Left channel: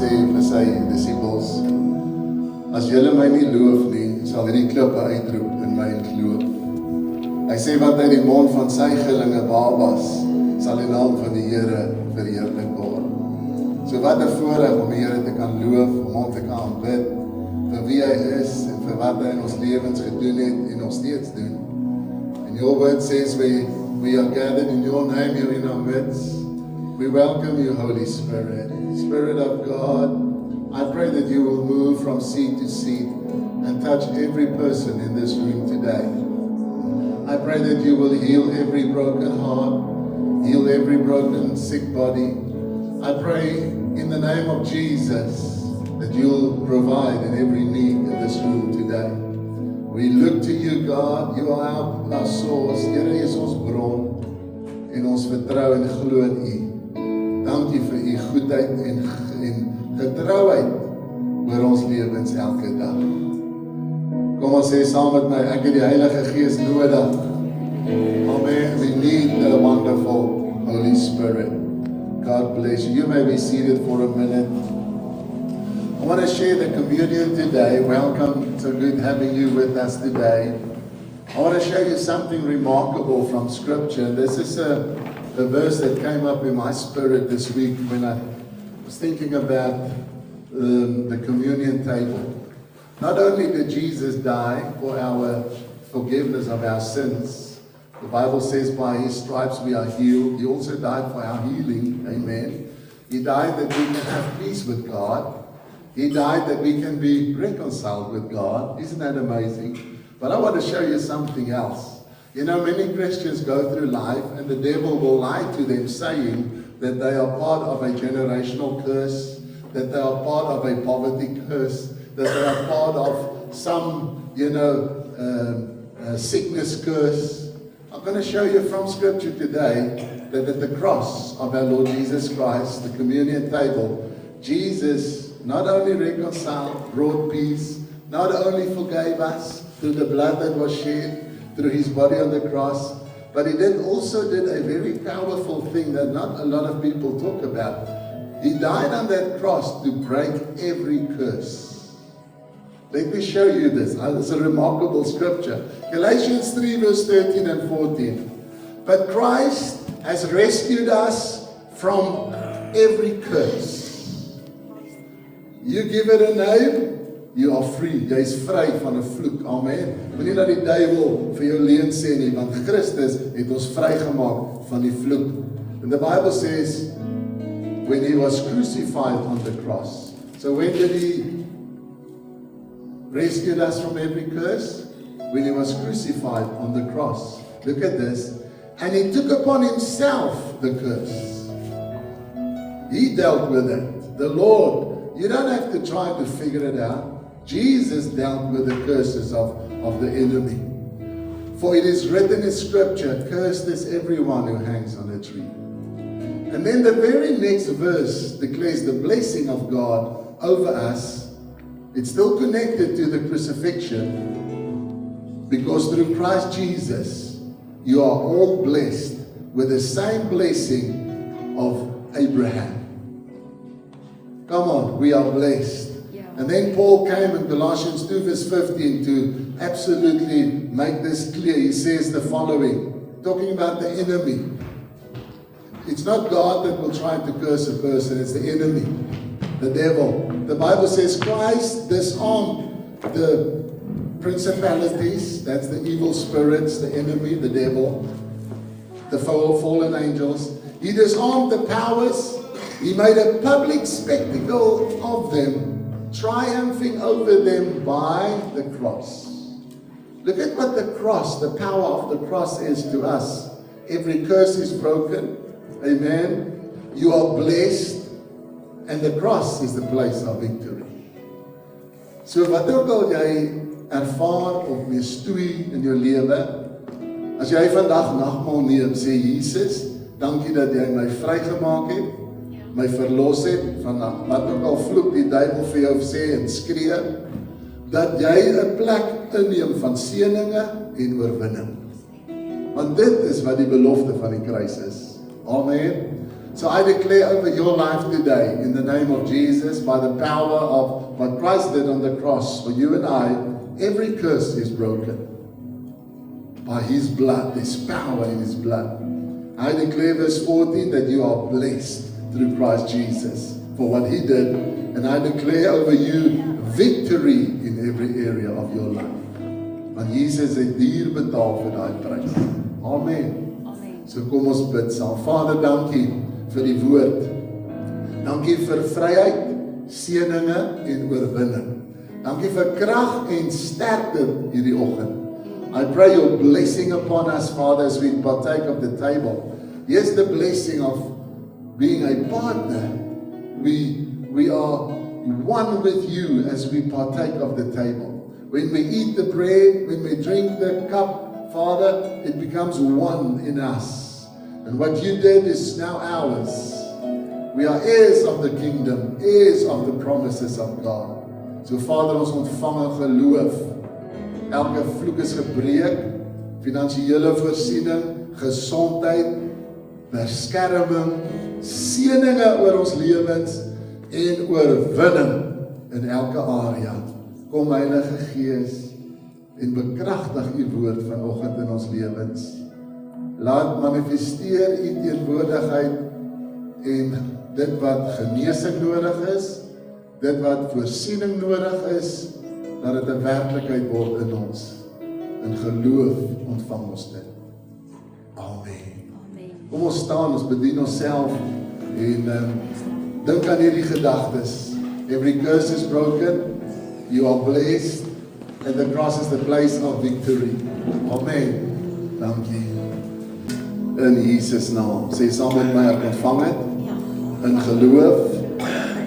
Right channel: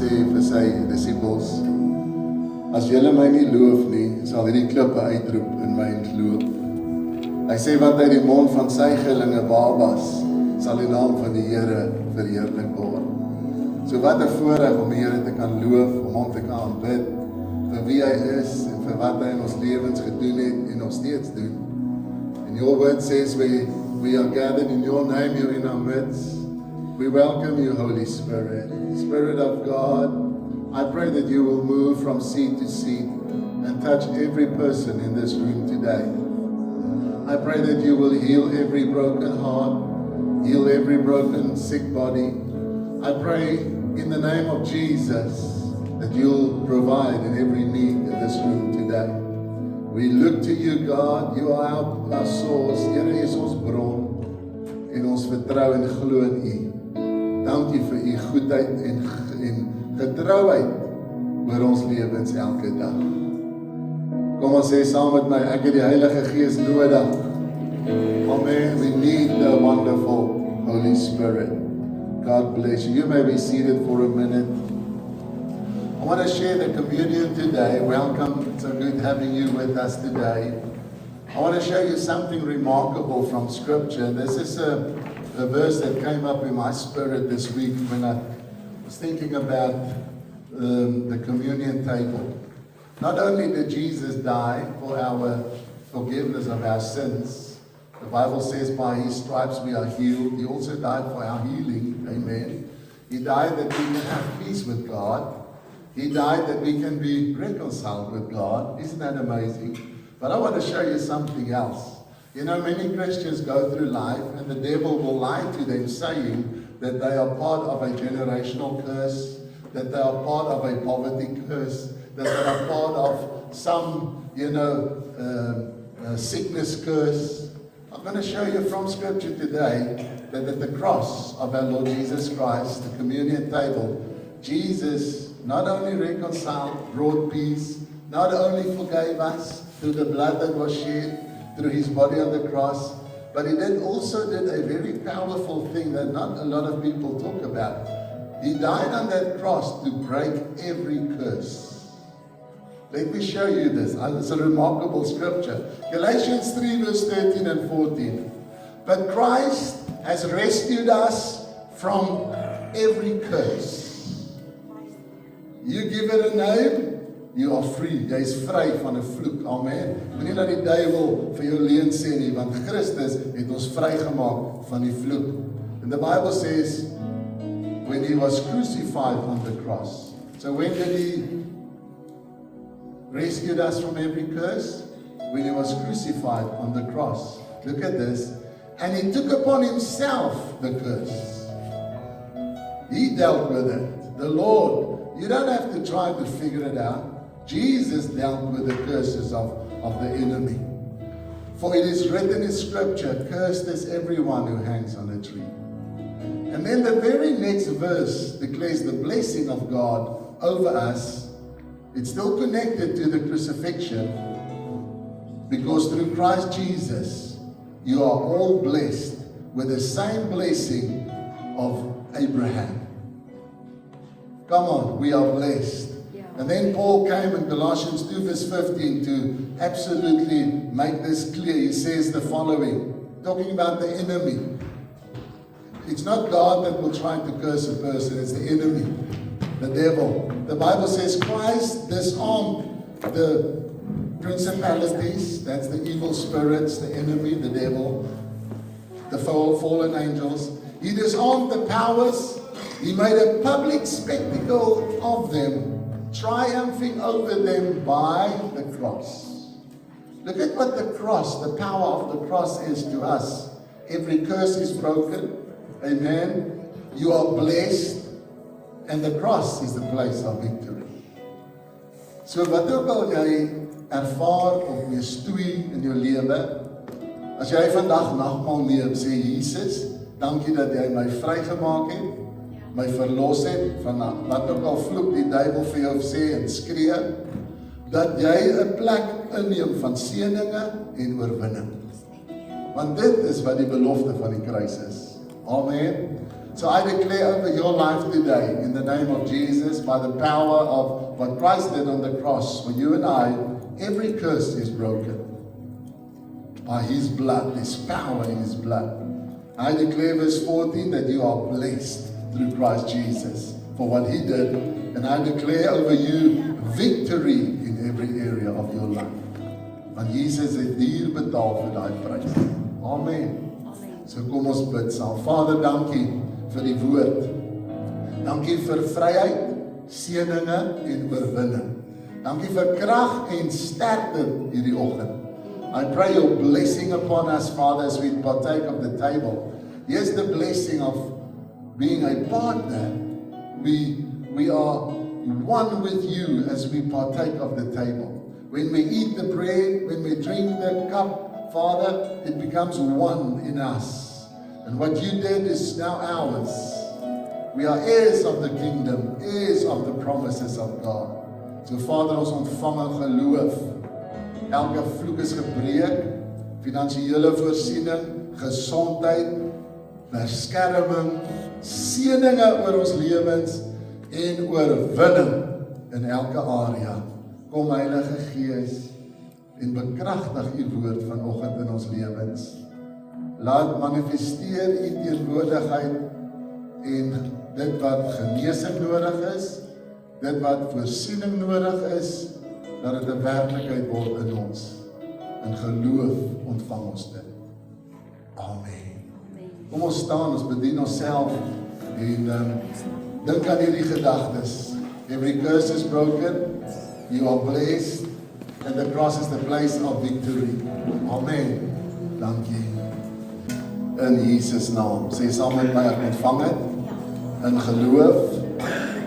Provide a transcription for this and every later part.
gesê vir sy disippels, as julle my nie loof nie, sal hierdie klippe uitroep in my glo. Hy sê wat uit die mond van sy gelinge babas, sal die naam van die Here verheerlik word. So wat 'n voorreg om die Here te kan loof, om hom te kan aanbid, vir wie hy is en vir wat hy in ons lewens gedoen het en nog steeds doen. And your word says we are gathered in your name here in our midst. We welcome you, Holy Spirit. Spirit of God, I pray that you will move from seat to seat and touch every person in this room today. I pray that you will heal every broken heart, heal every broken sick body. I pray in the name of Jesus that you'll provide in every need in this room today. We look to you, God. You are our source. Here is ons bron en ons vertrou en glo in u. Dankie vir u goedheid en getrouheid oor ons lewens elke dag. Kom ons sê saam met my, ek het die Heilige Gees nodig. Amen. We need the wonderful Holy Spirit. God bless you. You may be seated for a minute. I want to share the communion today. Welcome. So good having you with us today. I want to show you something remarkable from Scripture. This is a verse that came up in my spirit this week when I was thinking about the communion table. Not only did Jesus die for our forgiveness of our sins, the Bible says by his stripes we are healed. He also died for our healing. Amen. He died that we can have peace with God. He died that we can be reconciled with God. Isn't that amazing? But I want to show you something else. You know, many Christians go through life and the devil will lie to them saying that they are part of a generational curse, that they are part of a poverty curse, that they are part of some, sickness curse. I'm going to show you from Scripture today that at the cross of our Lord Jesus Christ, the communion table, Jesus not only reconciled, brought peace, not only forgave us through the blood that was shed, through his body on the cross, but he also did a very powerful thing that not a lot of people talk about. He died on that cross to break every curse. Let me show you this. It's a remarkable scripture. Galatians 3 verse 13 and 14. But Christ has rescued us from every curse. You give it a name, you are free. Jy is vry van 'n vloek. Amen. Moenie dat die duiwel vir jou leuen sê nie, want Christus het ons vrygemaak van die vloek. And the Bible says when he was crucified on the cross. So when did he rescued us from every curse? When he was crucified on the cross. Look at this. And he took upon himself the curse. He dealt with it. The Lord. You don't have to try to figure it out. Jesus dealt with the curses of the enemy. For it is written in Scripture, cursed is everyone who hangs on a tree. And then the very next verse declares the blessing of God over us. It's still connected to the crucifixion, because through Christ Jesus, you are all blessed with the same blessing of Abraham. Come on, we are blessed. Yeah. And then Paul came in Colossians 2 verse 15 to absolutely make this clear. He says the following, talking about the enemy. It's not God that will try to curse a person, it's the enemy, the devil. The Bible says Christ disarmed the principalities, that's the evil spirits, the enemy, the devil, the fallen angels. He disarmed the powers. He made a public spectacle of them, triumphing over them by the cross. Look at what the cross, the power of the cross is to us. Every curse is broken. Amen. You are blessed. And the cross is the place of victory. So wat ook al jy ervaar of jy stoei in jou lewe, as jy vandag nagmaal neem, sê Jesus, dankie dat jy my vrygemaak het, my verlos het van wat ook al vloek die duiwel vir jou sê en skree, dat jy 'n plek inneem van seëninge en oorwinning. Want dit is wat die belofte van die kruis is. Amen. So I declare over your life today, in the name of Jesus, by the power of what Christ did on the cross for you and I, every curse is broken. By His blood, there's power in His blood. I declare verse 14 that you are blessed through Christ Jesus for what He did. And I declare over you victory in every area of your life. Want Jesus het duur betaal vir daai prys. Amen. Amen. So kom ons bid saam. Vader, dankie vir die woord. Dankie vir vryheid, seëninge en oorwinning. Dankie vir krag en sterkte hierdie oggend. I pray your blessing upon us, Father, as we partake of the table. Yes, the blessing of being a partner. We are one with you as we partake of the table. When we eat the bread, when we drink the cup, Father, it becomes one in us. And what you did is now ours. We are heirs of the kingdom, heirs of the promises of God. So Father, ons ontvang in geloof. Elke vloek is gebreek, finansiële voorsiening, gesondheid, beskerming, seëninge oor ons lewens en oorwinning in elke area. Kom Heilige Gees en bekragtig u woord vanoggend in ons lewens. Laat manifesteer u teenwoordigheid en dit wat genesing nodig is, dit wat voorsiening nodig is, dat dit 'n werklikheid word in ons. In geloof ontvang ons dit. Amen. Kom ons staan, ons bedien onsself en dink aan hierdie gedagtes. Every curse is broken. You are blessed, and the cross is the place of victory. Amen. Dankie. In Jesus naam. Sê saam met my, ek ontvang dit. In geloof,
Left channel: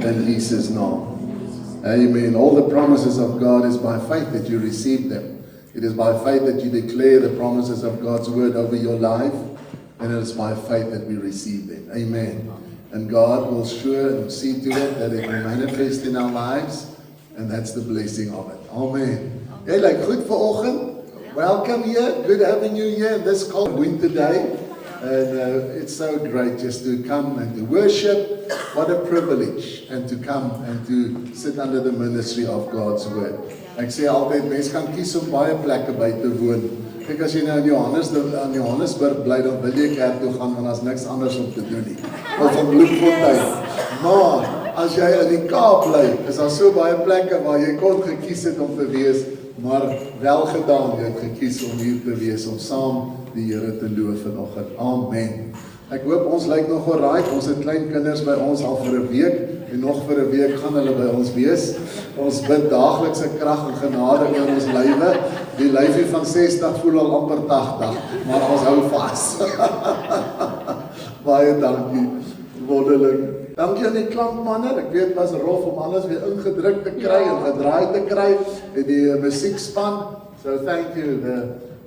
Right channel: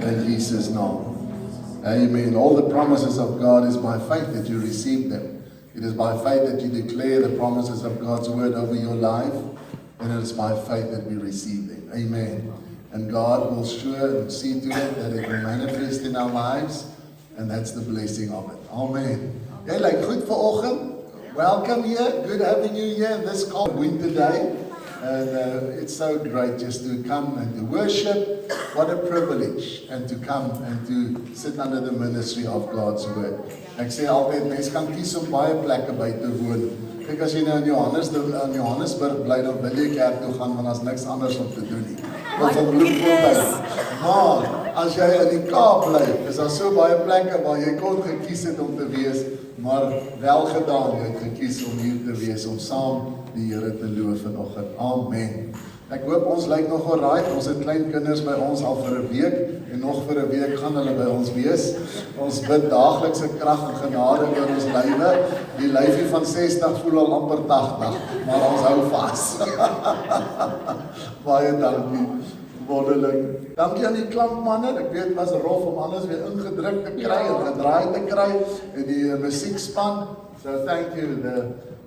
in Jesus naam. Amen. All the promises of God is by faith that you receive them. It is by faith that you declare the promises of God's word over your life, and it is by faith that we receive them. Amen. And God will sure and see to it that it will manifest in our lives. And that's the blessing of it. Amen. Hey, like goed vanoggend. Welcome here. Good having you here in this cold winter day. And it's so great just to come and to worship. What a privilege. And to come and to sit under the ministry of God's word. Ek sê altyd, mense kan kies om baie plekke by te woon. Kyk, as jy nou in Johannesburg bly, dan wil jy kerk toe gaan, want daar's niks anders om te doen nie. Of om Bloemfontein. Maar as jy in die Kaap bly, is daar so baie plekke waar jy kon gekies het om te wees, maar wel gedaan, jy het gekies om hier te wees, om saam die Here te loof vanoggend. Amen. Ek hoop ons lyk nog alright, ons het klein kinders by ons al vir 'n week, en nog vir 'n week gaan hulle by ons wees. Ons bid daaglikse krag en genade in ons lywe. Die lyfie van 60 voel al amper 80, maar ons hou vas. Baie dankie, wonderlik. Dankie aan die klankmanne, ek weet het was rof om alles weer ingedruk te kry en gedraai te kry, en die musiekspan, so thank you,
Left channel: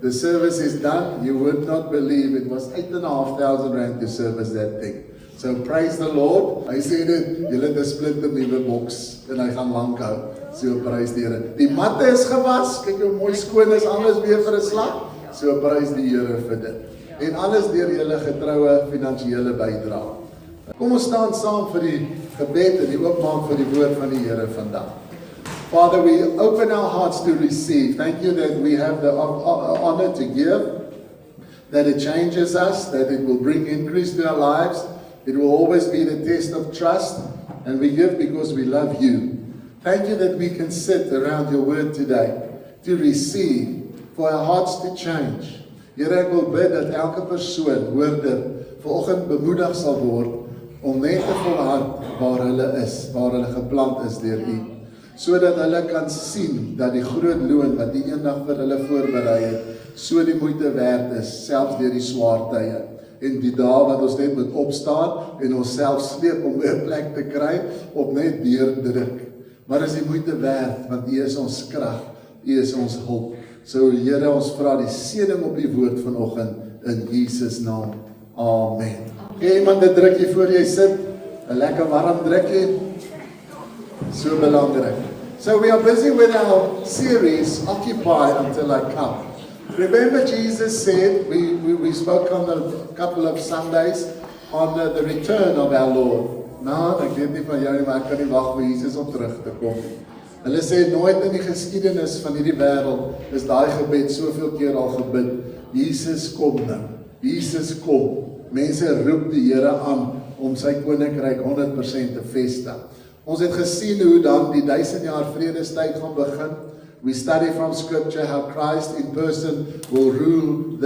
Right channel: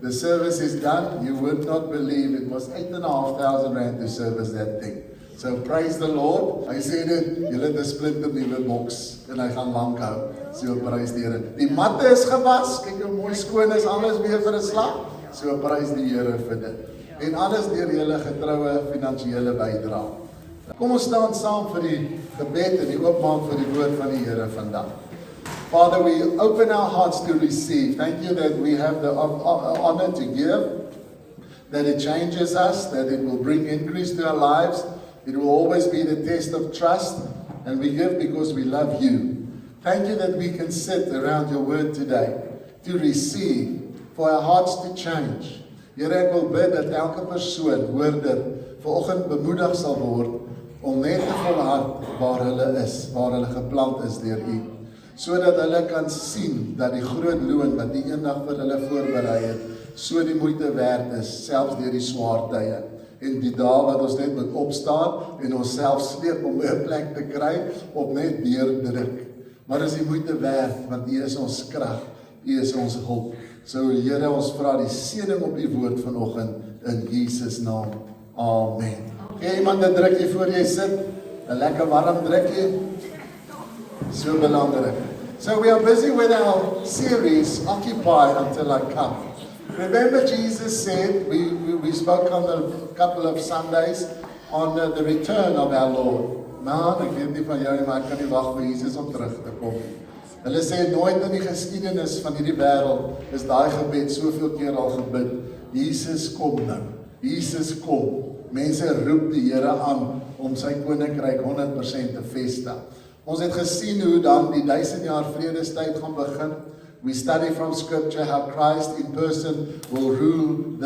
the service is done. You would not believe it was 8,500 rand to service that thing. So praise the Lord. Hy sê dit, julle het 'n splinter nuwe boks en hy gaan lank hou. So prys die Here. Die matte is gewas, kyk hoe mooi skoon is, alles weer vir 'n slag. So prys die Here vir dit. En alles deur julle getroue finansiële bydrae. Kom ons staan saam vir die gebed en die oopmaak vir die woord van die Here vandag. Father, we open our hearts to receive. Thank you that we have the honor to give, that it changes us, that it will bring increase to our lives. It will always be the test of trust, and we give because we love you. Thank you that we can sit around your word today to receive, for our hearts to change. Here, ek wil bid dat elke persoon hoor dit vanoggend bemoedig sal word om net te volhard waar hulle is, waar hulle geplant is deur u, sodat hulle kan sien dat die groot loon wat die eendag vir hulle voorberei het, so die moeite werd is, selfs deur die swaar tye. En die dae wat ons net moet opstaan en onsself sleep om 'n plek te kry, of net deurdruk. Maar is die moeite werd, want u is ons krag, u is ons hulp. So Here, ons vra die seëning op die woord vanoggend in Jesus naam. Amen. Gee iemand 'n drukkie voor jy sit, 'n lekker warm drukkie. So belangrik. So we are busy with our series, Occupy Until I Come. Remember Jesus said, we spoke on a couple of Sundays, on the return of our Lord. Nou, ek weet nie van jou nie, maar ek kan nie wag vir Jesus om terug te kom. Hulle sê nooit in die geskiedenis van hierdie wêreld is daai gebed soveel keer al gebid. Jesus kom nou. Jesus kom. Mense roep die Here aan om sy koninkryk 100% te vestig. Ons het gesien hoe dan die 1000 jaar vredestyd gaan begin. We study from scripture how Christ in person will rule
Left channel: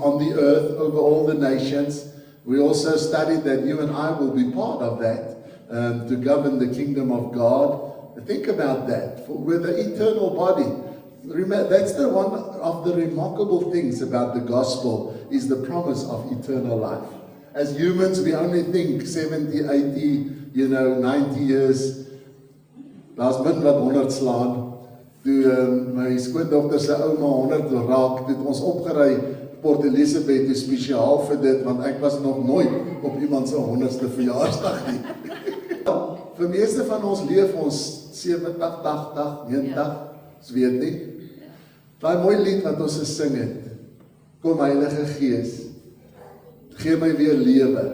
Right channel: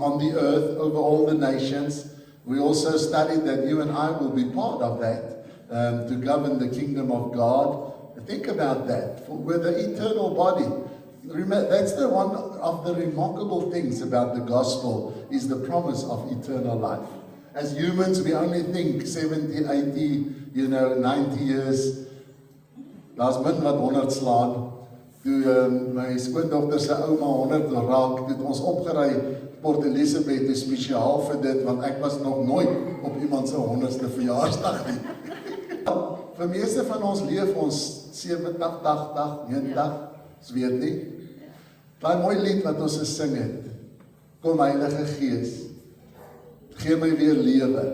on the earth over all the nations. We also studied that you and I will be part of that to govern the kingdom of God. Think about that. With the eternal body. Remember, that's one of the remarkable things about the gospel is the promise of eternal life. As humans, we only think 70, 80, 90 years. Daar's min wat 100 slaan. Toe my skoondogter se ouma 100 raak, het ons opgery Port Elizabeth toe spesiaal vir dit, want ek was nog nooit op iemand se 100ste verjaarsdag nie. Vir meeste van ons leef ons 70, 80, 90, ons weet nie. Daai mooi lied wat ons gesing het, kom Heilige Gees, gee my weer lewe.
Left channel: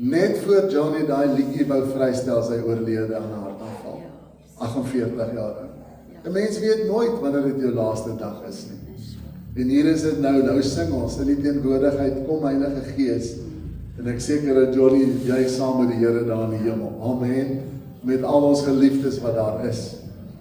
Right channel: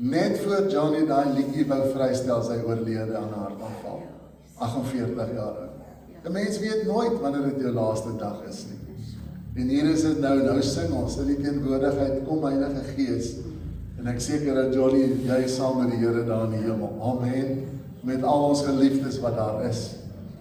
Net voor Johnny daai liedjie wou vrystel, sy oorlede aan haar aanval. 48 jaar oud. 'n Mens weet nooit wanneer dit jou laaste dag is nie. En hier is dit nou sing ons in die teenwoordigheid, kom Heilige Gees. En ek seker dat Johnny, jy saam met die Here daar in die hemel. Amen. Met al ons geliefdes wat daar is.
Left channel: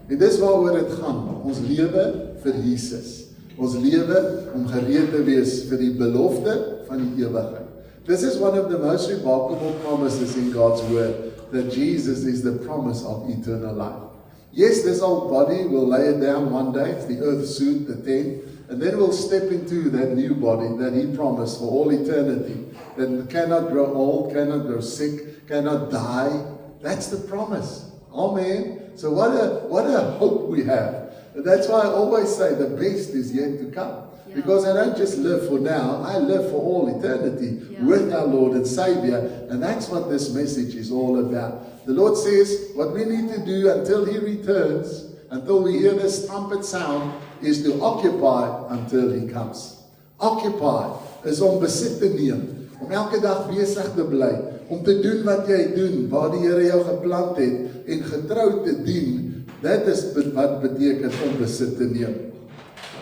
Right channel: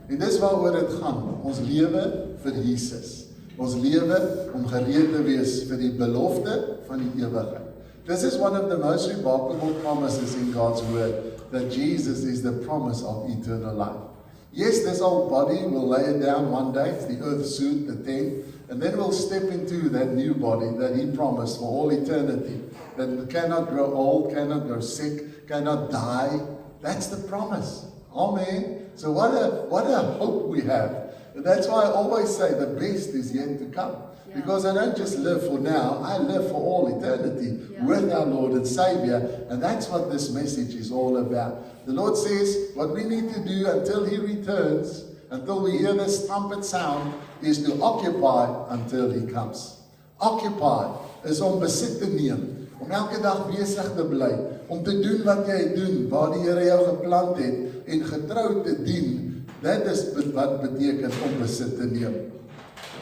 En dis waaroor dit gaan. Ons lewe vir Jesus. Ons lewe om gereed te wees vir die belofte van die ewigheid. This is one of the most remarkable promises in God's word, that Jesus is the promise of eternal life. Yes, this old body will lay it down one day, it's the earth suit, the tent, and then we'll step into that new body that He promised for all eternity, that cannot grow old, cannot grow sick, cannot die. That's the promise. Amen. So what a hope we have. And that's why I always say the best is yet to come. Yeah. Because I don't just live for now, I live for all eternity with our Lord and Savior. And that's what this message is all about. The Lord says what we need to do until He returns, until we hear this trumpet sound, is to occupy until He comes. Occupy is om besit te neem, om elke dag besig te bly, om te doen wat jy doen, waar die Here jou geplant het, en getrou te dien. That is wat beteken om besit te neem.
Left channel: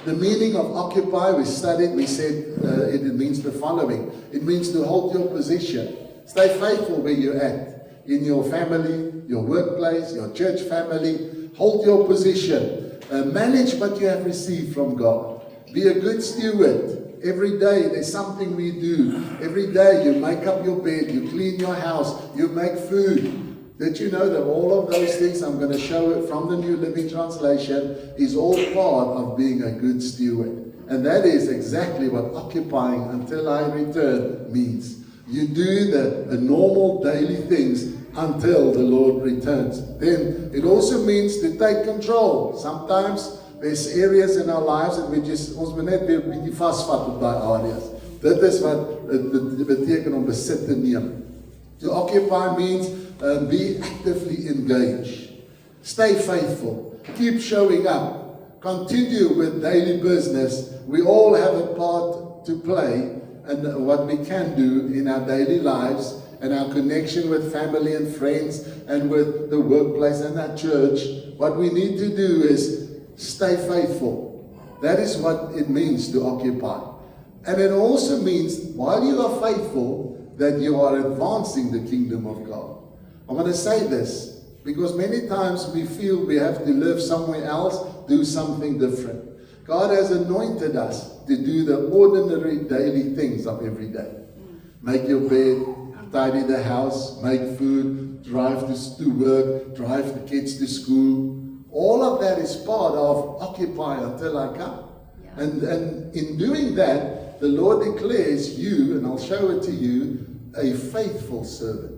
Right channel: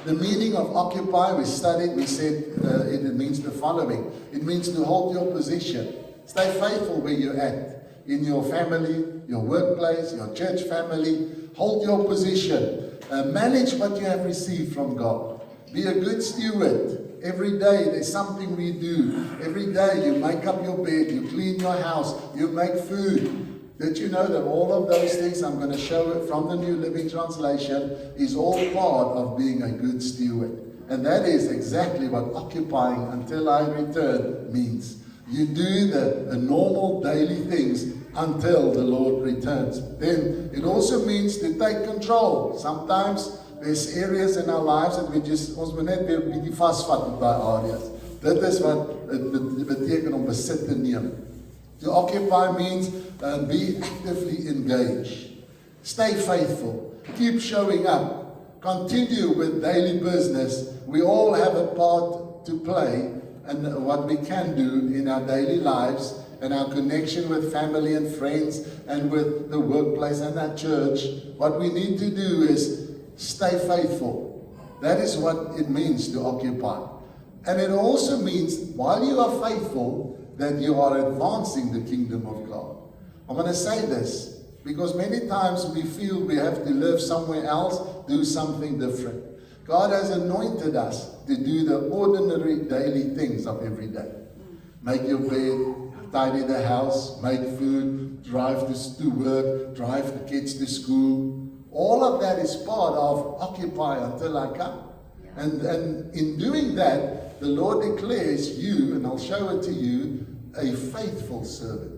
The meaning of occupy, we studied, we said it means the following. It means to hold your position. Stay faithful where you're at. In your family, your workplace, your church family. Hold your position. Manage what you have received from God. Be a good steward. Every day there's something we do. Every day you make up your bed, you clean your house, you make food. Did you know that all of those things, I'm going to show it from the New Living Translation, is all part of being a good steward. And that is exactly what occupying until I return means. You do the normal daily things until the Lord returns. Then it also means to take control. Sometimes there's areas in our lives that ons moet net weer 'n bietjie vasvat op daai areas. Dit is wat dit beteken om besit te neem. To occupy means be actively engaged. Stay faithful. Keep showing up. Continue with daily business. We all have a part to play and what we can do in our daily lives and our connection with family and friends and with the workplace and our church. What we need to do is stay faithful. That is what it means to occupy. And it also means, while you are faithful, that you are advancing the kingdom of God. I'm going to say this, because many times we feel we have to live somewhere else, do something different. God has anointed us to do the ordinary daily things of every day. Make your bed, tidy the house, make food, drive to work, drive the kids to school. All of that is part of occupy until I come. And in doing that, the Lord declares you, and I'll show it to you, a faithful servant.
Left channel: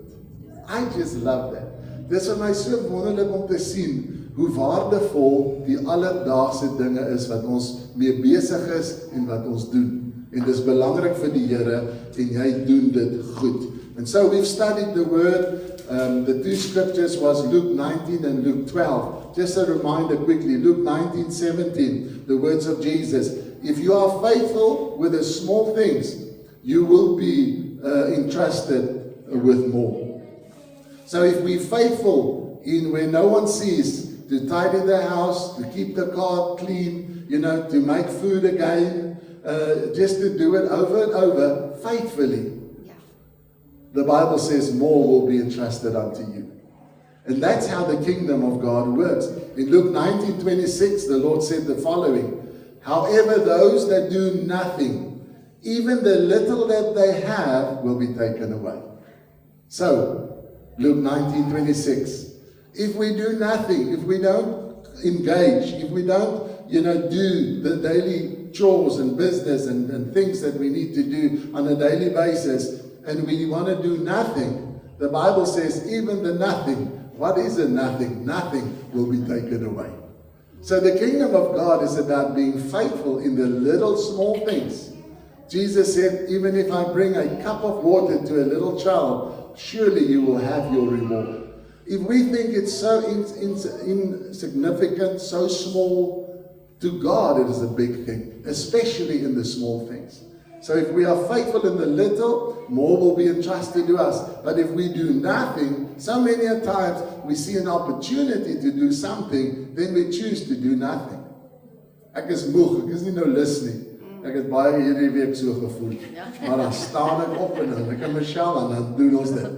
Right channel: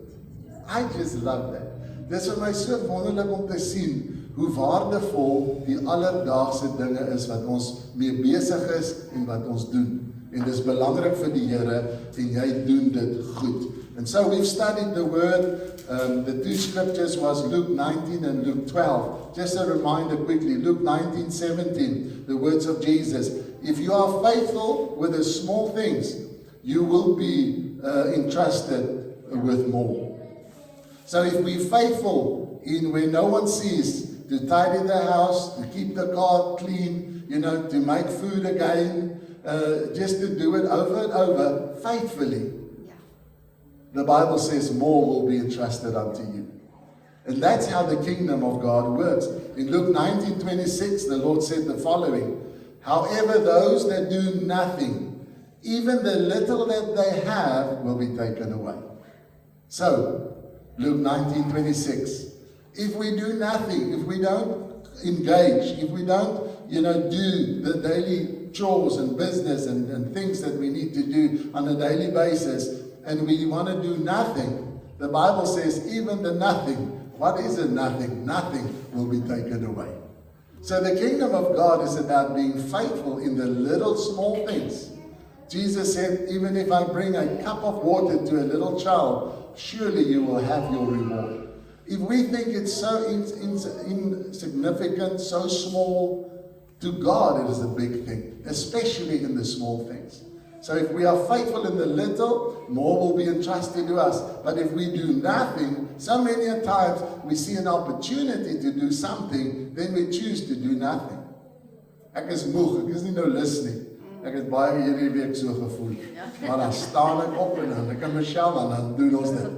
I just love that. Dis vir my so wonderlik om te sien hoe waardevol die alledaagse dinge is wat ons mee besig is en wat ons doen. En dis belangrik vir die Here en jy doen dit goed. And so we've studied the word. The two scriptures was Luke 19 and Luke 12. Just a reminder quickly, Luke 19:17, the words of Jesus. If you are faithful with the small things, you will be entrusted with more. So if we're faithful in where no one sees, to tidy the house, to keep the car clean, to make food again, just to do it over and over faithfully. Yeah. The Bible says more will be entrusted unto you. And that's how the kingdom of God works. In Luke 19:26, the Lord said the following, however, those that do nothing, even the little that they have, will be taken away. So, Luke 19:26, if we do nothing, if we don't engage, if we don't, do the daily chores and business and things that we need to do on a daily basis, and we want to do nothing, the Bible says even the nothing, what is a nothing? Nothing will be taken away. So the kingdom of God is about being faithful in the little small things. Jesus said, even if I bring a cup of water to a little child, surely you will have your reward. If we think it's so insignificant, so small, to God it is a big thing, especially in the small things. So if we are faithful in the little, more will be entrusted to us. But if we do nothing, so many times we see an opportunity to do something, then we choose to do nothing. Ek is moeg, ek is nie nou lus nie. Ek het baie hierdie week so gevoel. Maar dan staan ek op en dan ek en Michelle en dan doen ons dit.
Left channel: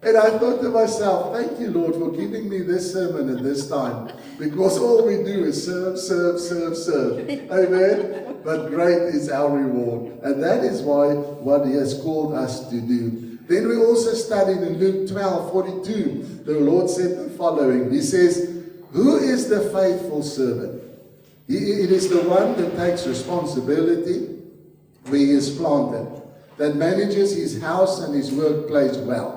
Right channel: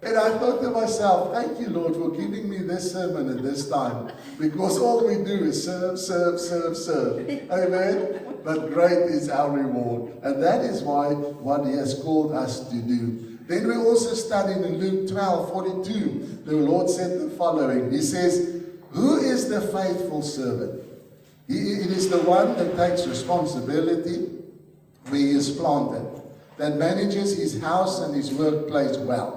And I thought to myself, thank you, Lord, for giving me this sermon at this time. Because all we do is serve, serve, serve, serve. Amen? But great is our reward. And that is what He has called us to do. Then we also studied in Luke 12:42. The Lord said the following. He says, who is the faithful servant? It is the one that takes responsibility where he is planted, that manages his house and his workplace well.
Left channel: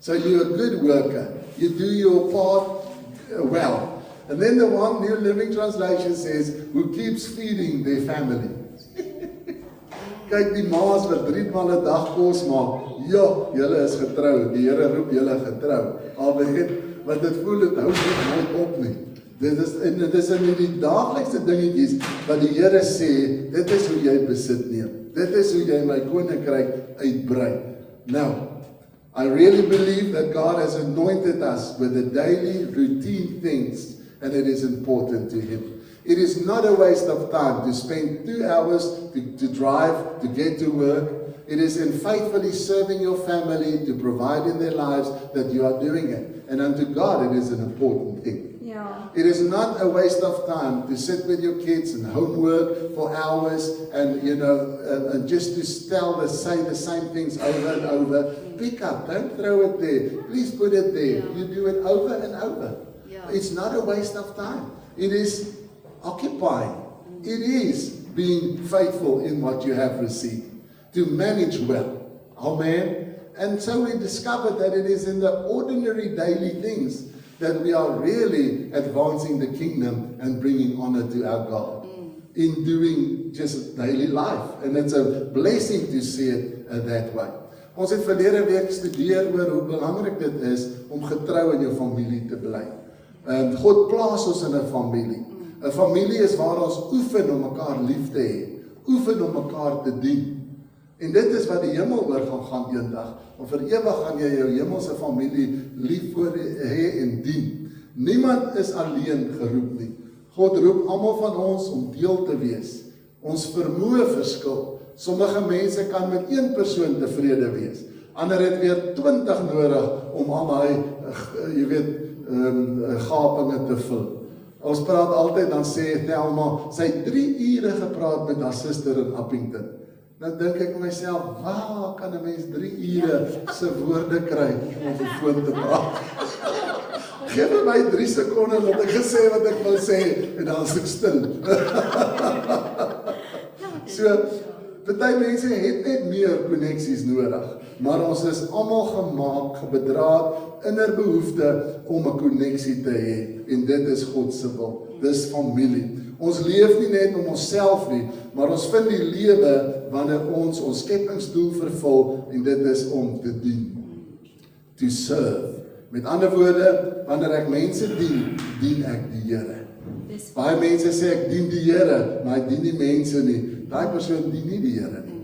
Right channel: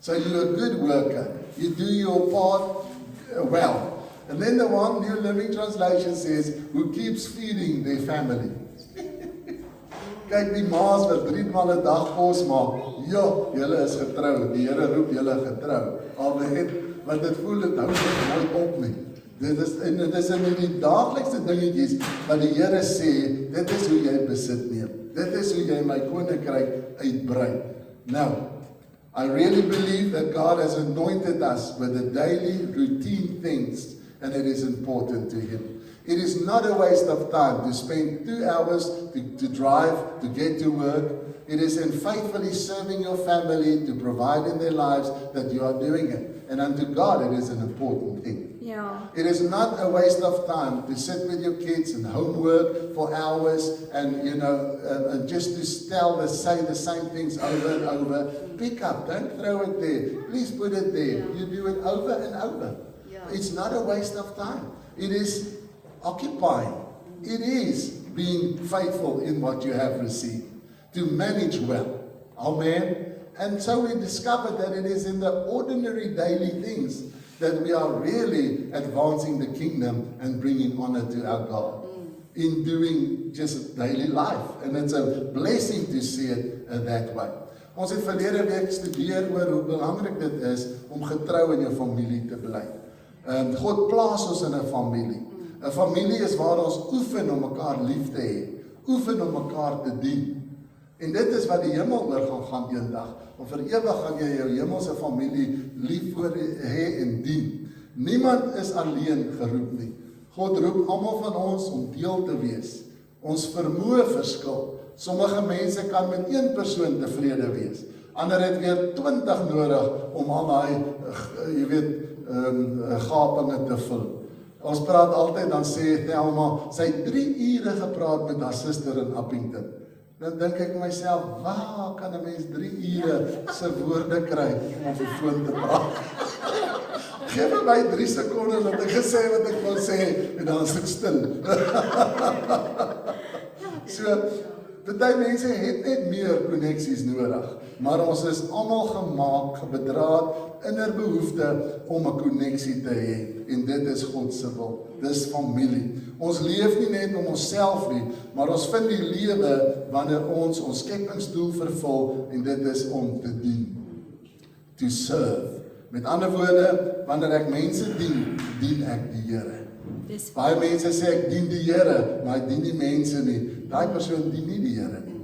So you're a good worker. You do your part well. And then the one, New Living Translation says, who keeps feeding their family. Kyk die maas wat 3 maal 'n dag kos maak. Ja, julle is getrou. Die Here roep julle getrou. Amen. Want dit voel dit hou nooit op nie. Dit is in die daaglikse dingetjies wat die Here sê, dit is hoe jy besit neem. Dit is hoe jy my koninkryk uitbrei. Now, I really believe that God has anointed us with the daily routine things, and it is important to Him. It is not a waste of time to spend 2 hours to drive, to get to work. It is in faithfully serving your family, to provide in their lives, that you are doing it. And unto God, it is an important thing. Yeah. It is not a waste of time to sit with your kids and homework for hours and, and just to say the same things over and over. Pick up, don't throw it there. Please put it there. You do it over and over. Yeah. It's not a waste of time. It is occupying. It is being faithful in what you have received. To manage well. Amen. And so we discovered that it is in the ordinary daily things that we are really advancing the kingdom and bringing honor to our God. In doing just daily life. And it's a blessing to see it that way. Ons het verlede week gestudeer oor hoe belangrik dit is om getrou in jou familie te bly. God plaas ons in 'n familie. 'n Familie is waar ons oefen om mekaar lief te hê, oefen om mekaar te dien. En dit is wat die hemel oor gaan eendag. Om vir ewig gaan jy jou hemelse familie lief voor hê en dien. Niemand is alleen geroep nie. God roep almal van ons om deel te wees. Ons vermoë verskil. Sommige mense kan met 1 persoon tevrede wees. Ander het weer 20 nodig om al daai, gapinge te vul. Ons praat altyd, dan sê Thelma, sy het 3 ure gepraat met haar suster in Appington. Dan dink ek myself, waar kan 'n mens 3 ure se woorde kry om op die foon te praat? Geef my 3 sekondes dat ek gesê wat ek wil sê en dan is ek stil. So, party mense het net meer koneksies nodig, maar ons is almal gemaak, bedraad, innerbehoefte om 'n koneksie te hê, en dit is God se wil, dis familie. Ons leef nie net om onsself nie, maar ons vind die lewe wanneer ons skepingsdoel vervul, en dit is om te dien, to serve. Met ander woorde, wanneer ek mense dien, dien ek die Here. Baie mense sê ek dien die Here, maar ek dien die mense nie. Daai persoon dien nie die Here nie.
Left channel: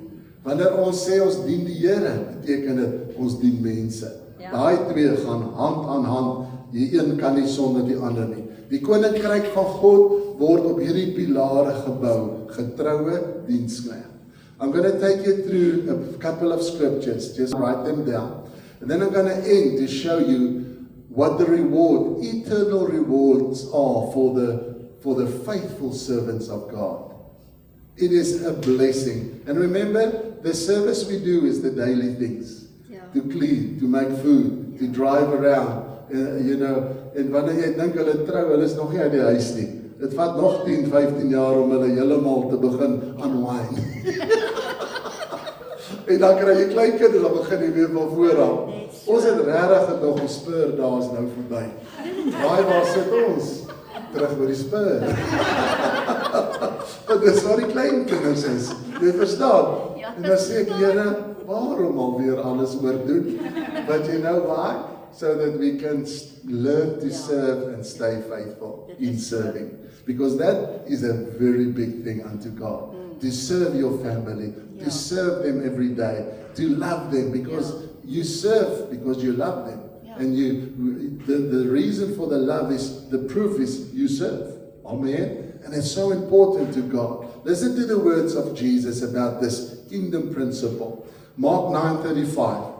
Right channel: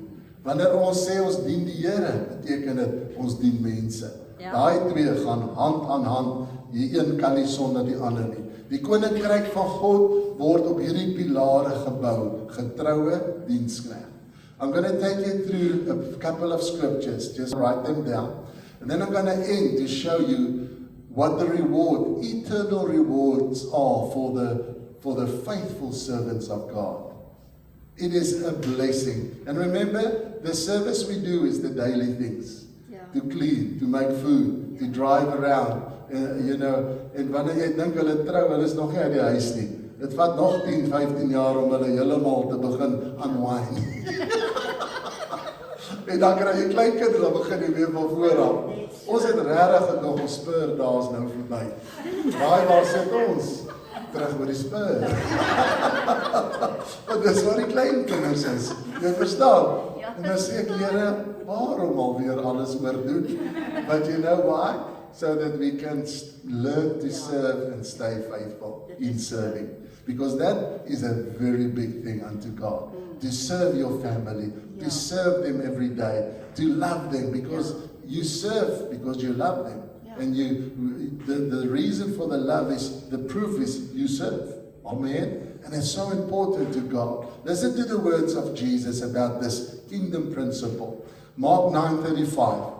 Wanneer ons sê ons dien die Here, beteken dit ons dien mense. Ja. Daai twee gaan hand aan hand. Die een kan nie sonder die ander nie. Die koninkryk van God word op hierdie pilare gebou, getroue diensknegt. I'm going to take you through a couple of scriptures, just write them down. And then I'm going to end to show you what the reward, eternal rewards are for the faithful servants of God. It is a blessing. And remember, the service we do is the daily things. Ja. To clean, to make food, to drive around. En wanneer jy dink hulle trou, hulle is nog nie uit die huis nie. Dit vat nog 10, 15 jaar om hulle heeltemal te begin unwind. En dan kry jy kleinkind en dan begin jy weer van voor af. Ons het regtig nog die spur daas nou verby. Waar sit ons? Terug by die spur. En dis wat die kleinkinders is. Jy verstaan? En dan sê ek, Here, waarom alweer alles oordoen? But you know why? So that we can learn to serve and stay faithful in serving. Because that is a very big thing unto God. To serve your family, to serve them every day, to love them because you serve because you love them. And the reason for the love is, the proof is you serve. Amen. And it's so important to God. Listen to the words of Jesus about this kingdom principle. Mark 9:35.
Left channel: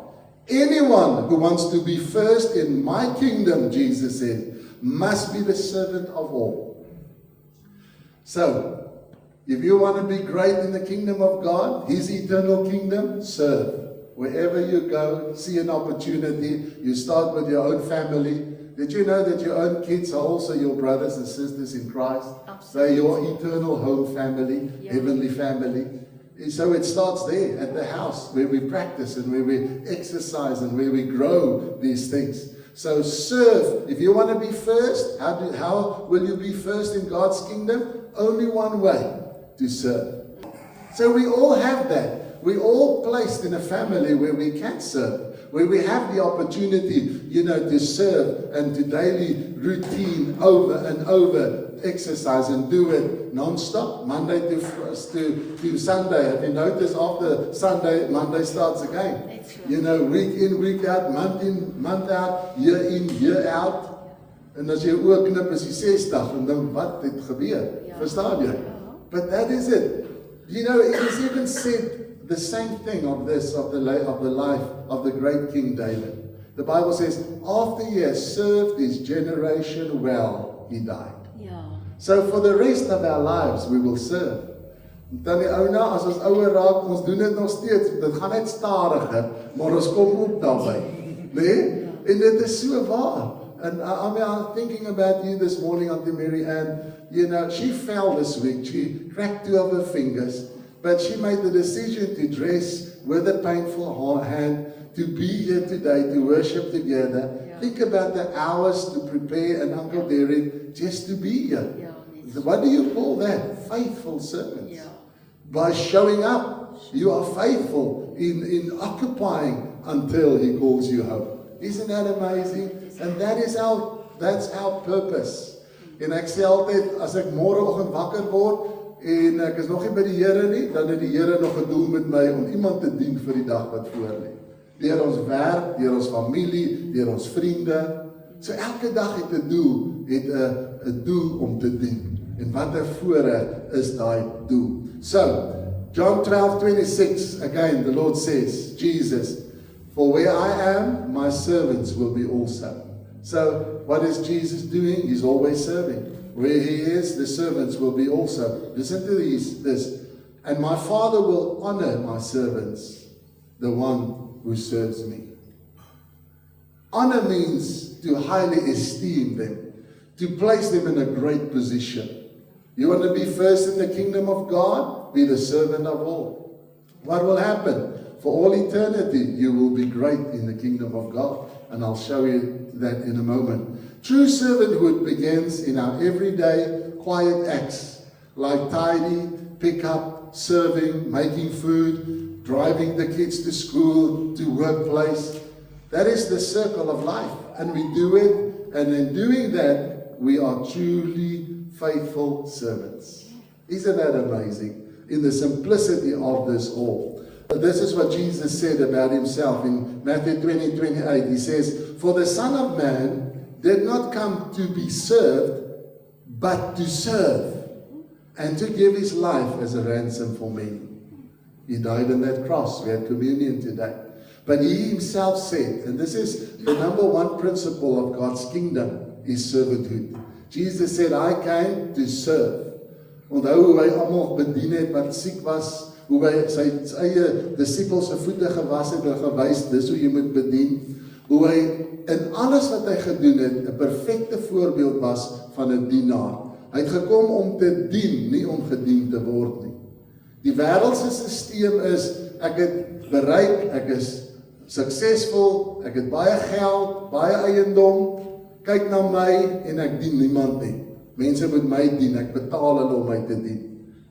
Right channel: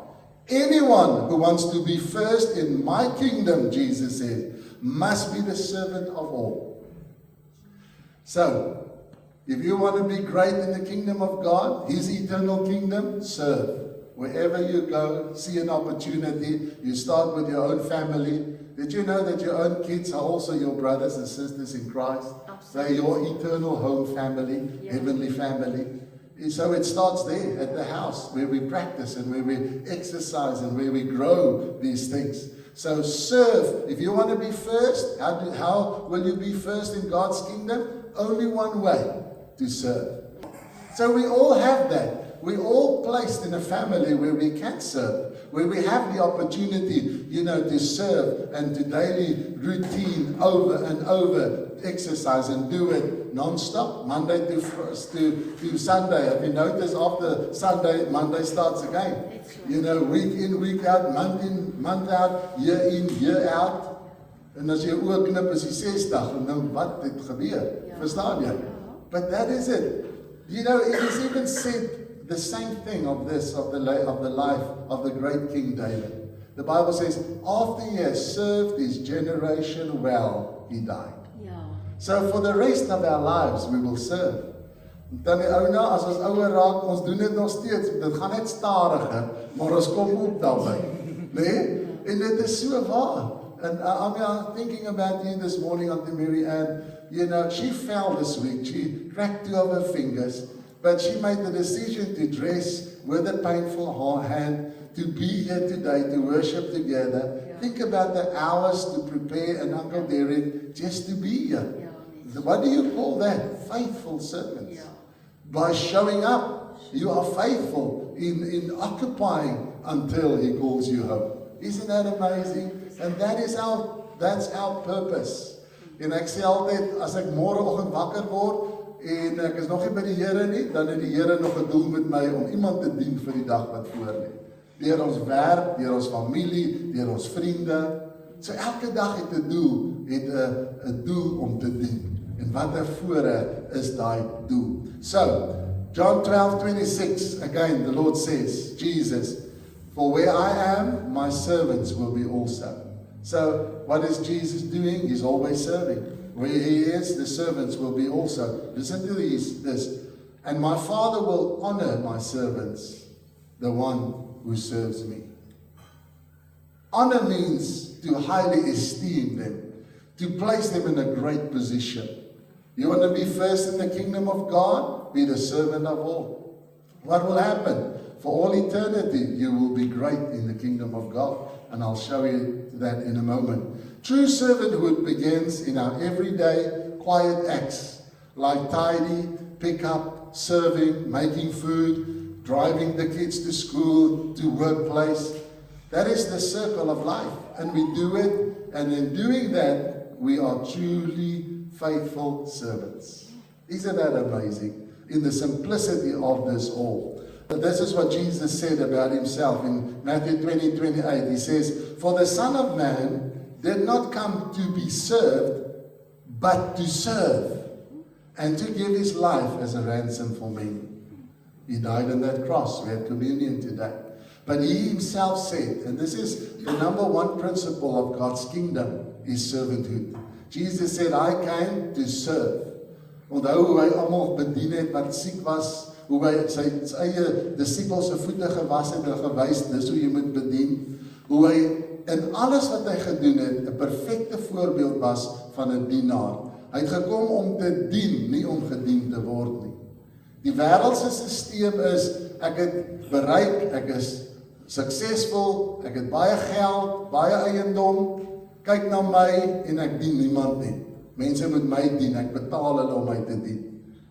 Anyone who wants to be first in my kingdom, Jesus said, must be the servant of all. So, if you want to be great in the kingdom of God, His eternal kingdom, serve. Wherever you go, see an opportunity, you start with your own family. Did you know that your own kids are also your brothers and sisters in Christ? They're your eternal home family, heavenly family. So it starts there at the house where we practice and where we exercise and where we grow these things. So serve. If you want to be first, how will you be first in God's kingdom? Only one way, to serve. So we all have that. We're all placed in a family where we can serve, where we have the opportunity, to serve and to daily routine over and over exercise and do it non-stop, Monday to Sunday. Have you noticed after Sunday, Monday starts again? Week in, week out, month in, month out, year in, year out. En as jy oor knip is die 60 en nou wat het gebeur? Verstaan jy? But that is it. It is even said the same thing of the life of the great King David. The Bible says, after he has served his generation well, he died. So for the rest of our lives, we will serve. Dan die ou as ons ouer raak, ons doen dit nog steeds. Dit gaan net stadiger, maar ons kom op daarby. Nee? En dit is so waar. And I'm thinking about you this morning, Auntie Mary Ann. She fell this week. She cracked 2 of her fingers. But she made the decision to dress with a painful hand, to be here today, to worship together. Think about the hours to prepare and Uncle Derek just to be here. What do you call that? Faithful servants. By showing up, you are faithful in occupying until He calls you home. Isn't that amazing? And that's our purpose. En ek sê altyd, as ek môreoggend wakker word en ek is nog nie by die Here nie, dan het die Here nog 'n doel met my om iemand te dien vir die dag wat voor lê. Deur ons werk, deur ons familie, deur ons vriende. So elke dag het 'n doel, het 'n doel om te dien. En wat voorre is daai doel. So, John 12:26, again the Lord says, Jesus, for where I am, my servants will be also. So, what is Jesus doing? He's always serving. Where He is, the servants will be also. Listen to this. And my Father will honor my servants, the one who serves me. Honor means to highly esteem them, to place them in a great position. You want to be first in the kingdom of God? Be the servant of all. What will happen? For all eternity, you will be great in the kingdom of God. And I'll show you that in a moment. True servanthood begins in our everyday quiet acts, like tidy, pick up, serving, making food, driving the kids to school, to workplace. That is the circle of life. And we do it, and in doing that, we are truly faithful servants. Isn't that amazing? In the simplicity of this all. This is what Jesus said about himself in Matthew 20:28. He says, "For the Son of Man did not come to be served, but to serve, and to give his life as a ransom for many." He died on that cross. We had communion today. But he himself said, and this is the number one principle of God's kingdom, is servanthood. Jesus said, "I came to serve." Onthou hoe hy almal bedien het wat siek was, hoe hy sy eie disippels se voete gewas het en gewys, dis hoe jy moet bedien. Hoe hy in alles wat hy gedoen het, 'n perfekte voorbeeld was van 'n dienaar. Hy het gekom om te dien, nie om gedien te word nie. Die wêreldse stelsel is, ek het bereik, ek is suksesvol, ek het baie geld, baie eiendom, kyk na my en ek dien niemand nie. Mense moet my dien, ek betaal hulle om my te dien.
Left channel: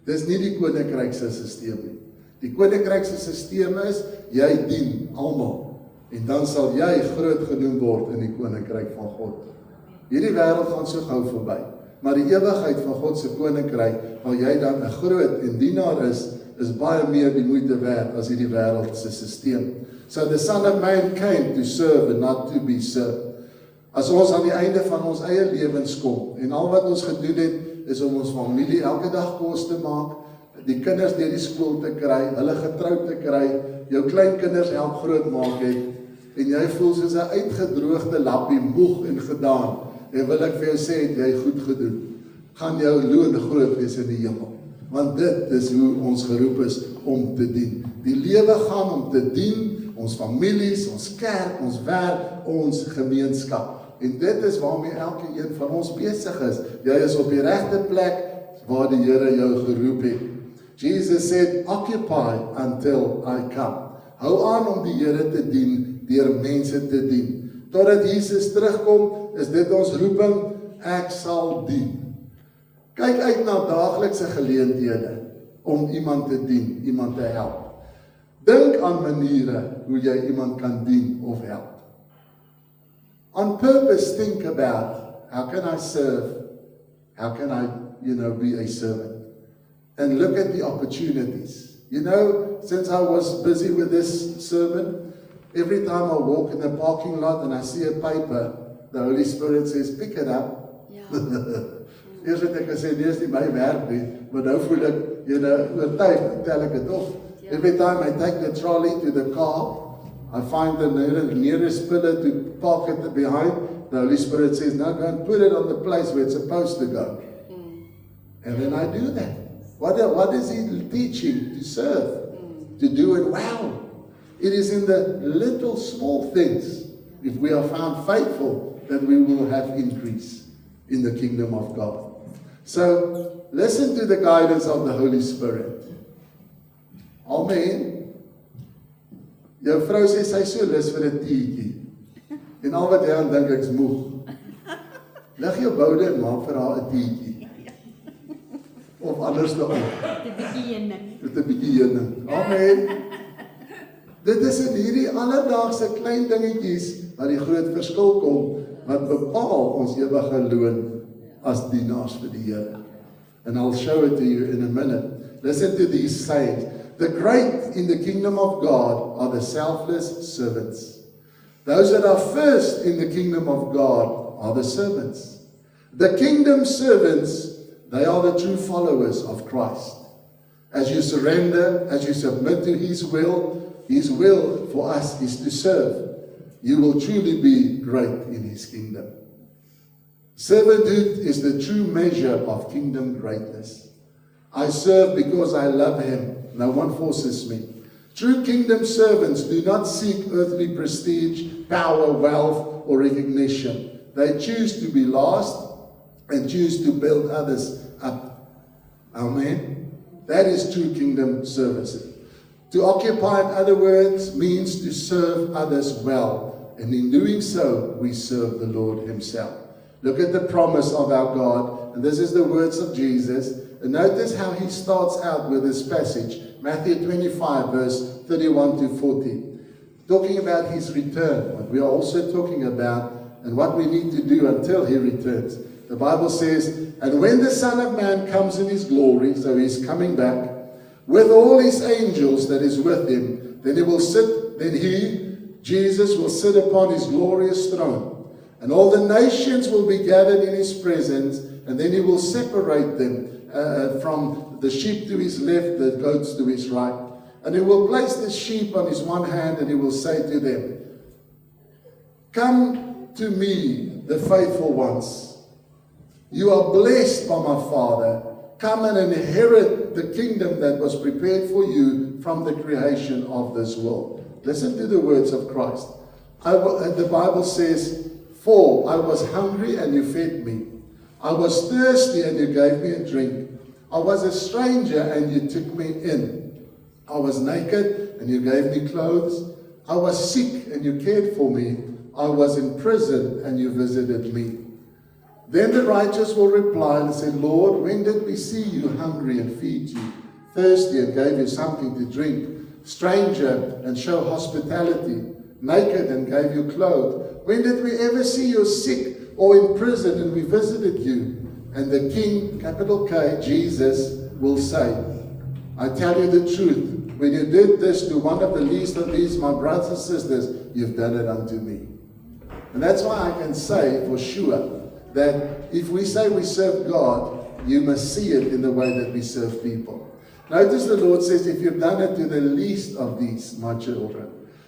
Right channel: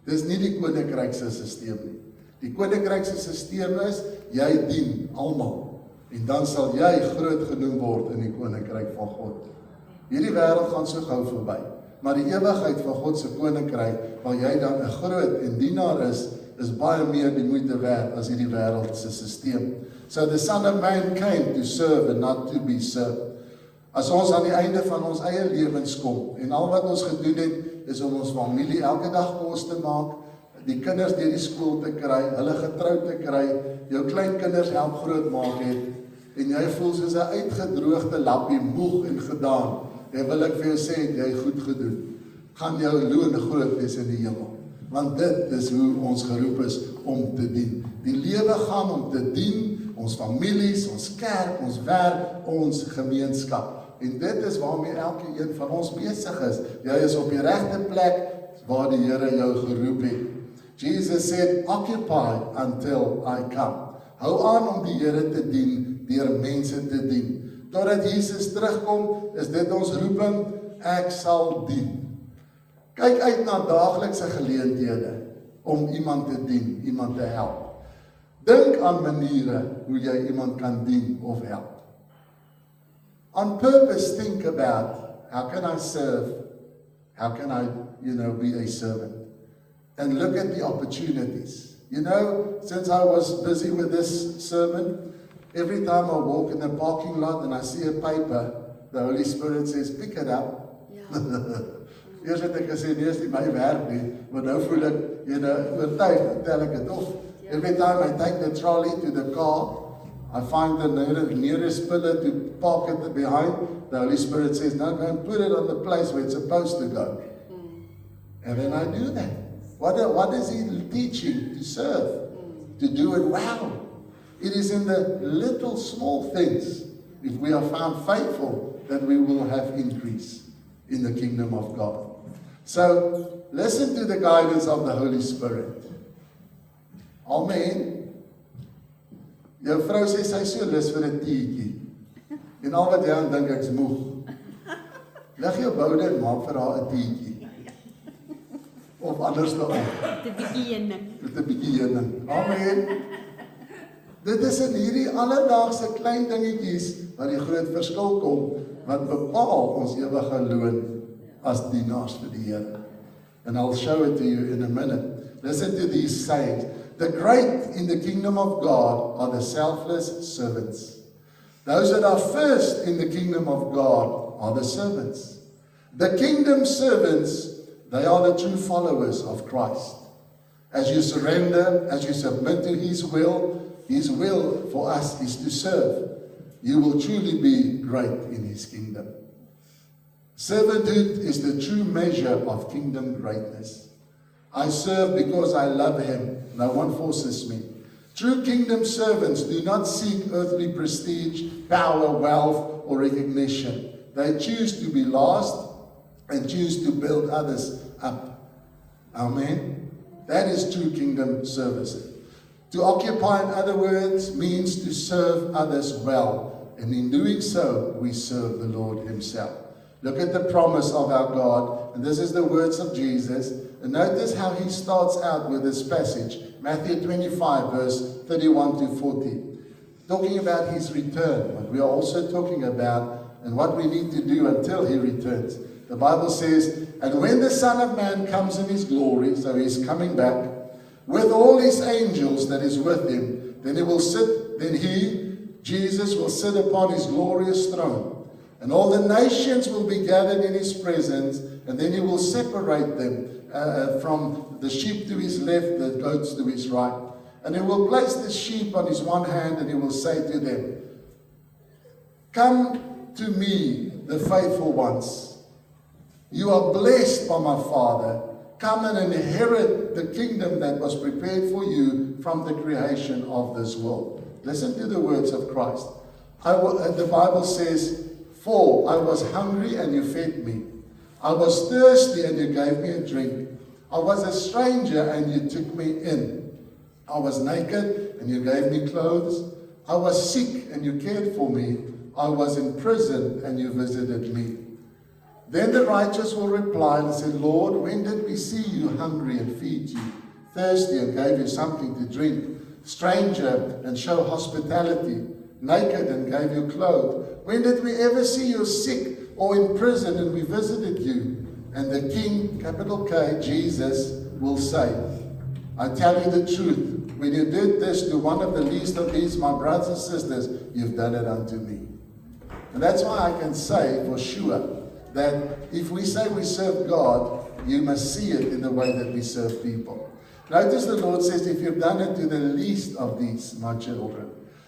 Dis nie die koninkrykse stelsel nie. Die koninkrykse stelsel is, jy dien almal, en dan sal jy groot genoem word in die koninkryk van God. Hierdie wêreld gaan so gou verby, maar die ewigheid van God se koninkryk, waar jy dan 'n groot en dienaar is baie meer die moeite werd as hierdie wêreldse stelsel. So the Son of Man came to serve and not to be served. As ons aan die einde van ons eie lewens kom, en al wat ons gedoen het, is om ons familie elke dag kos te maak, die kinders deur die skool te kry, hulle getroud te kry, jou kleinkinders help groot maak het, en jy voel soos 'n uitgedroogde lappie, moeg en gedaan, en wil ek vir jou sê, het jy goed gedoen, gaan jou loon groot wees in die hemel, want dit is hoe ons geroep is om te dien. Die lewe gaan om te dien, ons families, ons kerk, ons werk, ons gemeenskap. En dit is waarmee elke een van ons besig is. Jy is op die regte plek waar die Here jou geroep het. Jesus said, "Occupy until I come." Hou aan om die Here te dien, deur mense te dien. Totdat Jesus terugkom, is dit ons roeping, ek sal dien. Kyk uit na daaglikse geleenthede om iemand te dien, iemand te help. Dink aan maniere hoe jy iemand kan dien of help. On purpose, think about, how can I serve? How can I, be a servant? And look at the opportunities. Since I was busy with this sermon, every time I walk in the parking lot and I see a paper, the Holy Spirit says, pick it up. Eers het ek gesê, nee, is nie my werk nie, maar nou voel ek, oortuig, tel ek het op. Every time I take the trolley to the car, I find the nearest pillar to park it behind. The Holy Spirit says, no, go and put it on the place where it's supposed to go. And then I do that. What is He teaching? To serve, to do it well. It is in the little small things, if we are found faithful, that we will have increase in the kingdom of God. So, listen to the guidance of the Holy Spirit. Amen. Jou vrou sê sy so lus vir 'n teetjie. En al wat jy aan dink ek's moeg. Lig jou boude en maak vir haar 'n teetjie. Of anders nog. Met 'n bietjie heuning. Amen. Dit is in hierdie alledaagse klein dingetjies waar die groot verskil kom, wat bepaal ons ewige loon as dienaars vir die Here. And I'll show it to you in a minute. Listen to these sayings. The great in the kingdom of God are the selfless servants. Those that are first in the kingdom of God are the servants. The kingdom servants, they are the true followers of Christ. As you surrender, as you submit to His will for us is to serve. You will truly be great in His kingdom. Servanthood is the true measure of kingdom greatness. I serve because I love Him. No one forces me. True kingdom servants do not seek earthly prestige, power, wealth, or recognition. They choose to be last and choose to build others up. Amen. That is true kingdom service. To occupy, in other words, means to serve others well. And in doing so, we serve the Lord Himself. Look at the promise of our God. And this is the words of Jesus. And notice how He starts out with this passage. Matthew 25, verse 31 to 40. Talking about His return. What we are also talking about and what we need to do until He returns. The Bible says, and when the Son of Man comes in His glory, so He's coming back, with all his angels that is with him. Then he, Jesus, will sit upon his glorious throne. And all the nations will be gathered in his presence, and then he will separate them from the sheep to his left, the goats to his right. And he will place the sheep on his one hand, and he will say to them, "Come to me, the faithful ones. You are blessed by my Father. Come and inherit the kingdom that was prepared for you from the creation of this world." Listen to the words of Christ. The Bible says, "For I was hungry and you fed me. I was thirsty and you gave me a drink. I was a stranger and you took me in. I was naked and you gave me clothes. I was sick and you cared for me. I was in prison and you visited me." Then the righteous will reply and say, "Lord, when did we see you hungry and feed you, thirsty and gave you something to drink, stranger and show hospitality, naked and gave you clothes? When did we ever see you sick or in prison and we visited you?" And the King, capital K, Jesus, will say, "I tell you the truth, when you did this to one of the least of these, my brothers and sisters, you've done it unto me." And that's why I can say for sure that if we say we serve God, you must see it in the way that we serve people. Notice the Lord says, "If you've done it to the least of these, my children."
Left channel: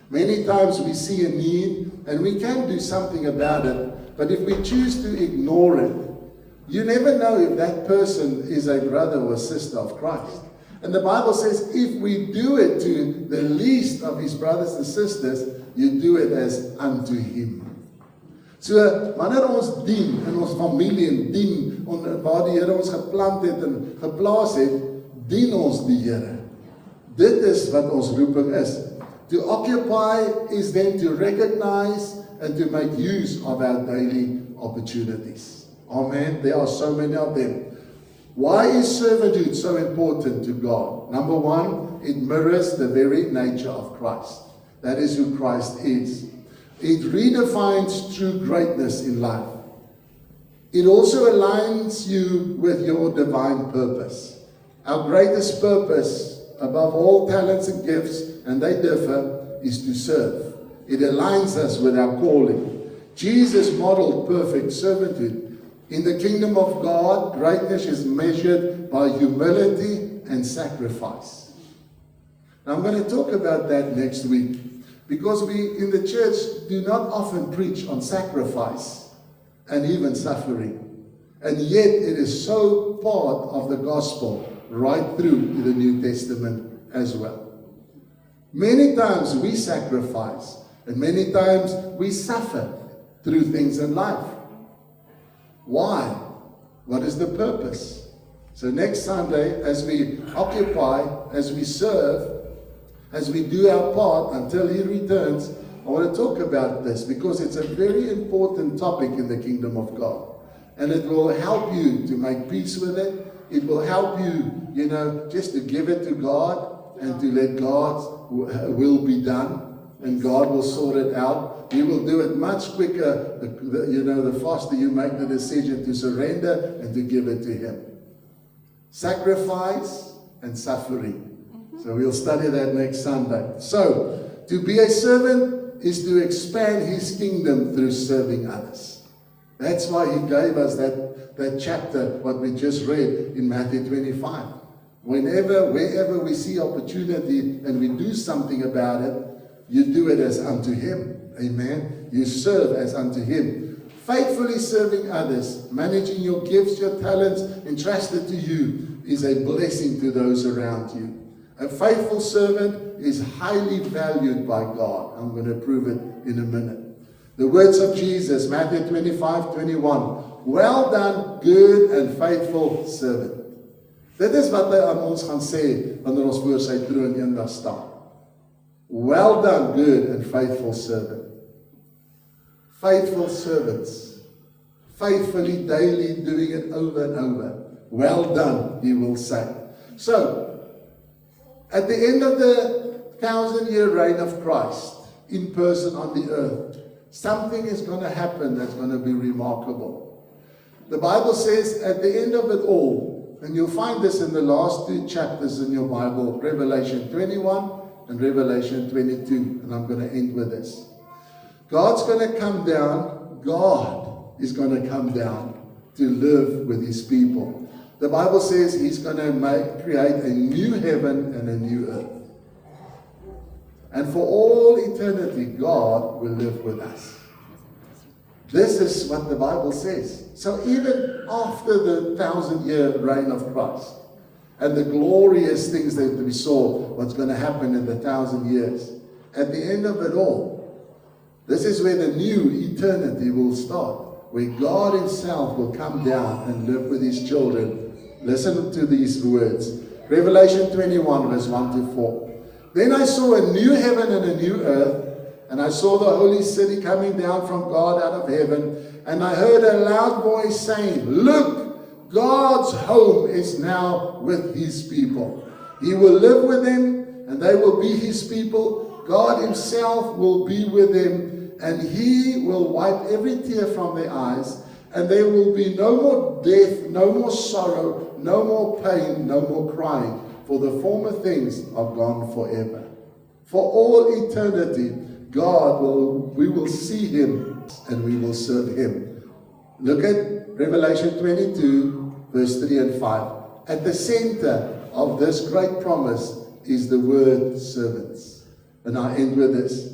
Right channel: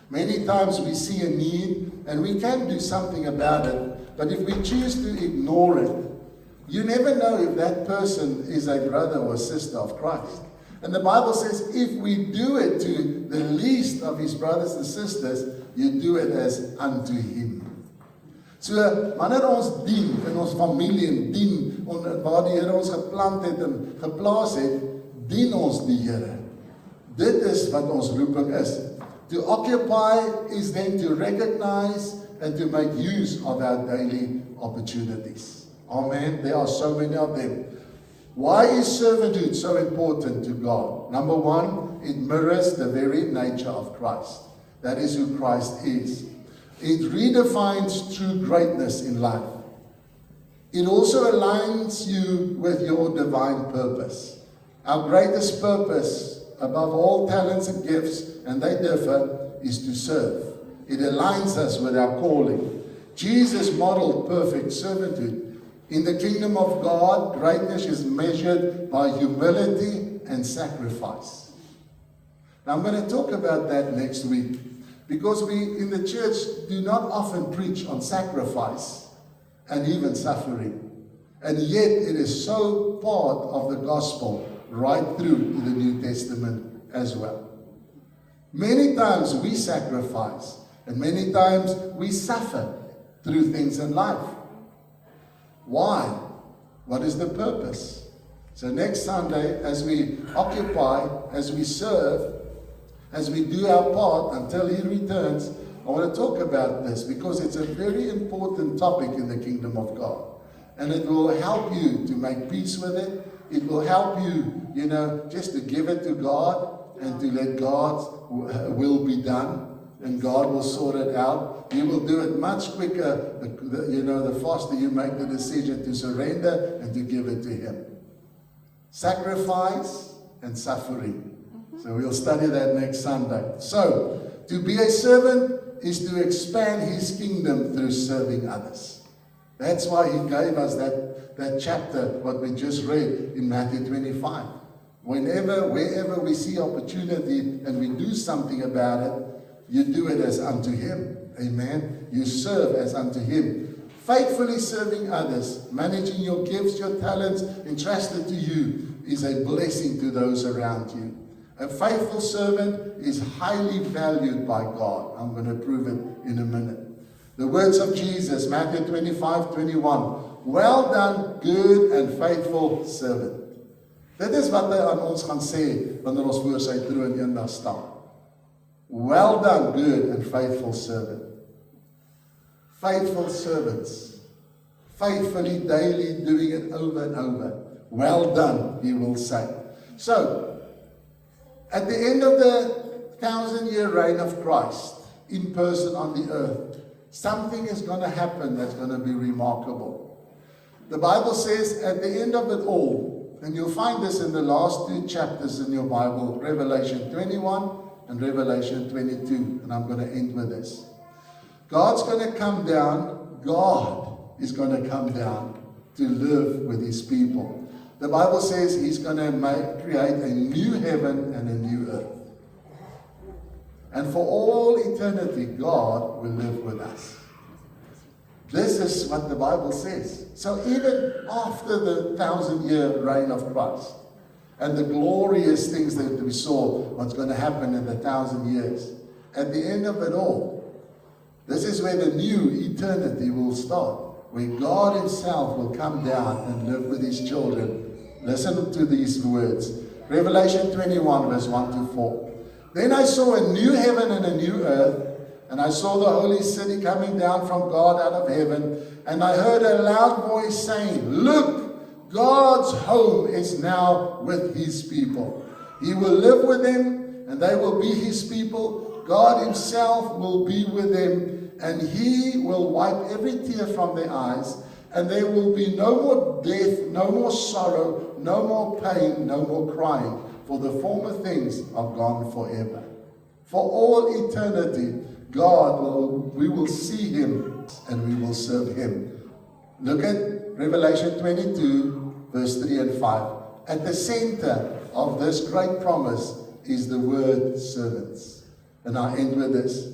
Many times we see a need and we can do something about it, but if we choose to ignore it, you never know if that person is a brother or sister of Christ. And the Bible says, if we do it to the least of his brothers and sisters, you do it as unto him. So, wanneer ons dien in ons familie en dien waar die Here ons geplant het en geplaas het, dien ons die Here. Dit is wat ons roeping is. To occupy is then to recognize and to make use of our daily opportunities. Amen. There are so many of them. Why is servanthood so important to God? Number one, it mirrors the very nature of Christ. That is who Christ is. It redefines true greatness in life. It also aligns you with your divine purpose. Our greatest purpose, above all talents and gifts, and they differ, is to serve. It aligns us with our calling. Jesus modeled perfect servanthood. In the kingdom of God, greatness is measured by humility and sacrifice. Now, I'm going to talk about that next week, because we in the church do not often preach on sacrifice and even suffering. And yet it is so part of the gospel right through to the New Testament as well. Many times we sacrifice and many times we suffer through things in life. Why? What is the purpose? So next Sunday, as we occupy, as we serve, as we do our part until he returns, I want to talk about this because it's a very important topic in the kingdom of God. And it will help you to make peace with it. It will help you, just to give it to God and to let God's will be done. And God will sort it out. He will do it much quicker, the faster you make the decision to surrender and to give it to him. Sacrifice and suffering. So we'll study that next Sunday. So, to be a servant is to expand his kingdom through serving others. That's why he gave us that chapter, what we just read in Matthew 25. Wherever we see opportunity and we do something about it, you do it as unto him. Amen. You serve as unto him. Faithfully serving others, managing your gifts, your talents entrusted to you is a blessing to those around you. A faithful servant is highly valued by God. I'm going to prove it in a minute. The words of Jesus, Matthew 25:21. Well done, good and faithful servant. Dit is wat hy aan ons gaan sê wanneer ons voor sy troon eendag staan. Well done, good and faithful servant. Faithful servants. Faithfully, daily, doing it over and over. Well done, he will say. So, at the end of the 1,000-year reign of Christ, in person on the earth, something is going to happen that's going to be remarkable. The Bible says at the end of it all, And you'll find this in the last 2 chapters in your Bible, Revelation 21 and Revelation 22. And I'm going to end with this. God's going to come down. God is going to come down to live with his people. The Bible says he's going to create a new heaven and a new earth. And for all eternity, God will live with us. This is what the Bible says. So even after the 1,000-year reign of Christ and the glorious things that we saw, what's going to happen in the 1,000 years, at the end of it all, this is where the new eternity will start, where God himself will come down and live with his children. Listen to these words. Revelation 21, verse 1 to 4. Then I saw a new heaven and a new earth, and I saw the holy city coming down from God out of heaven, and I heard a loud voice saying, Look, God's home is now with his people. He will live with them, and they will be his people. God himself will be with them, and he will wipe every tear from their eyes, and there will be no more death, no more sorrow, no more pain, no more crying, for the former things are gone forever. For all eternity, we will see him and we will serve him. Look at Revelation 22, verse 3 and 5. At the center of this great promise is the word servants. And I end with this.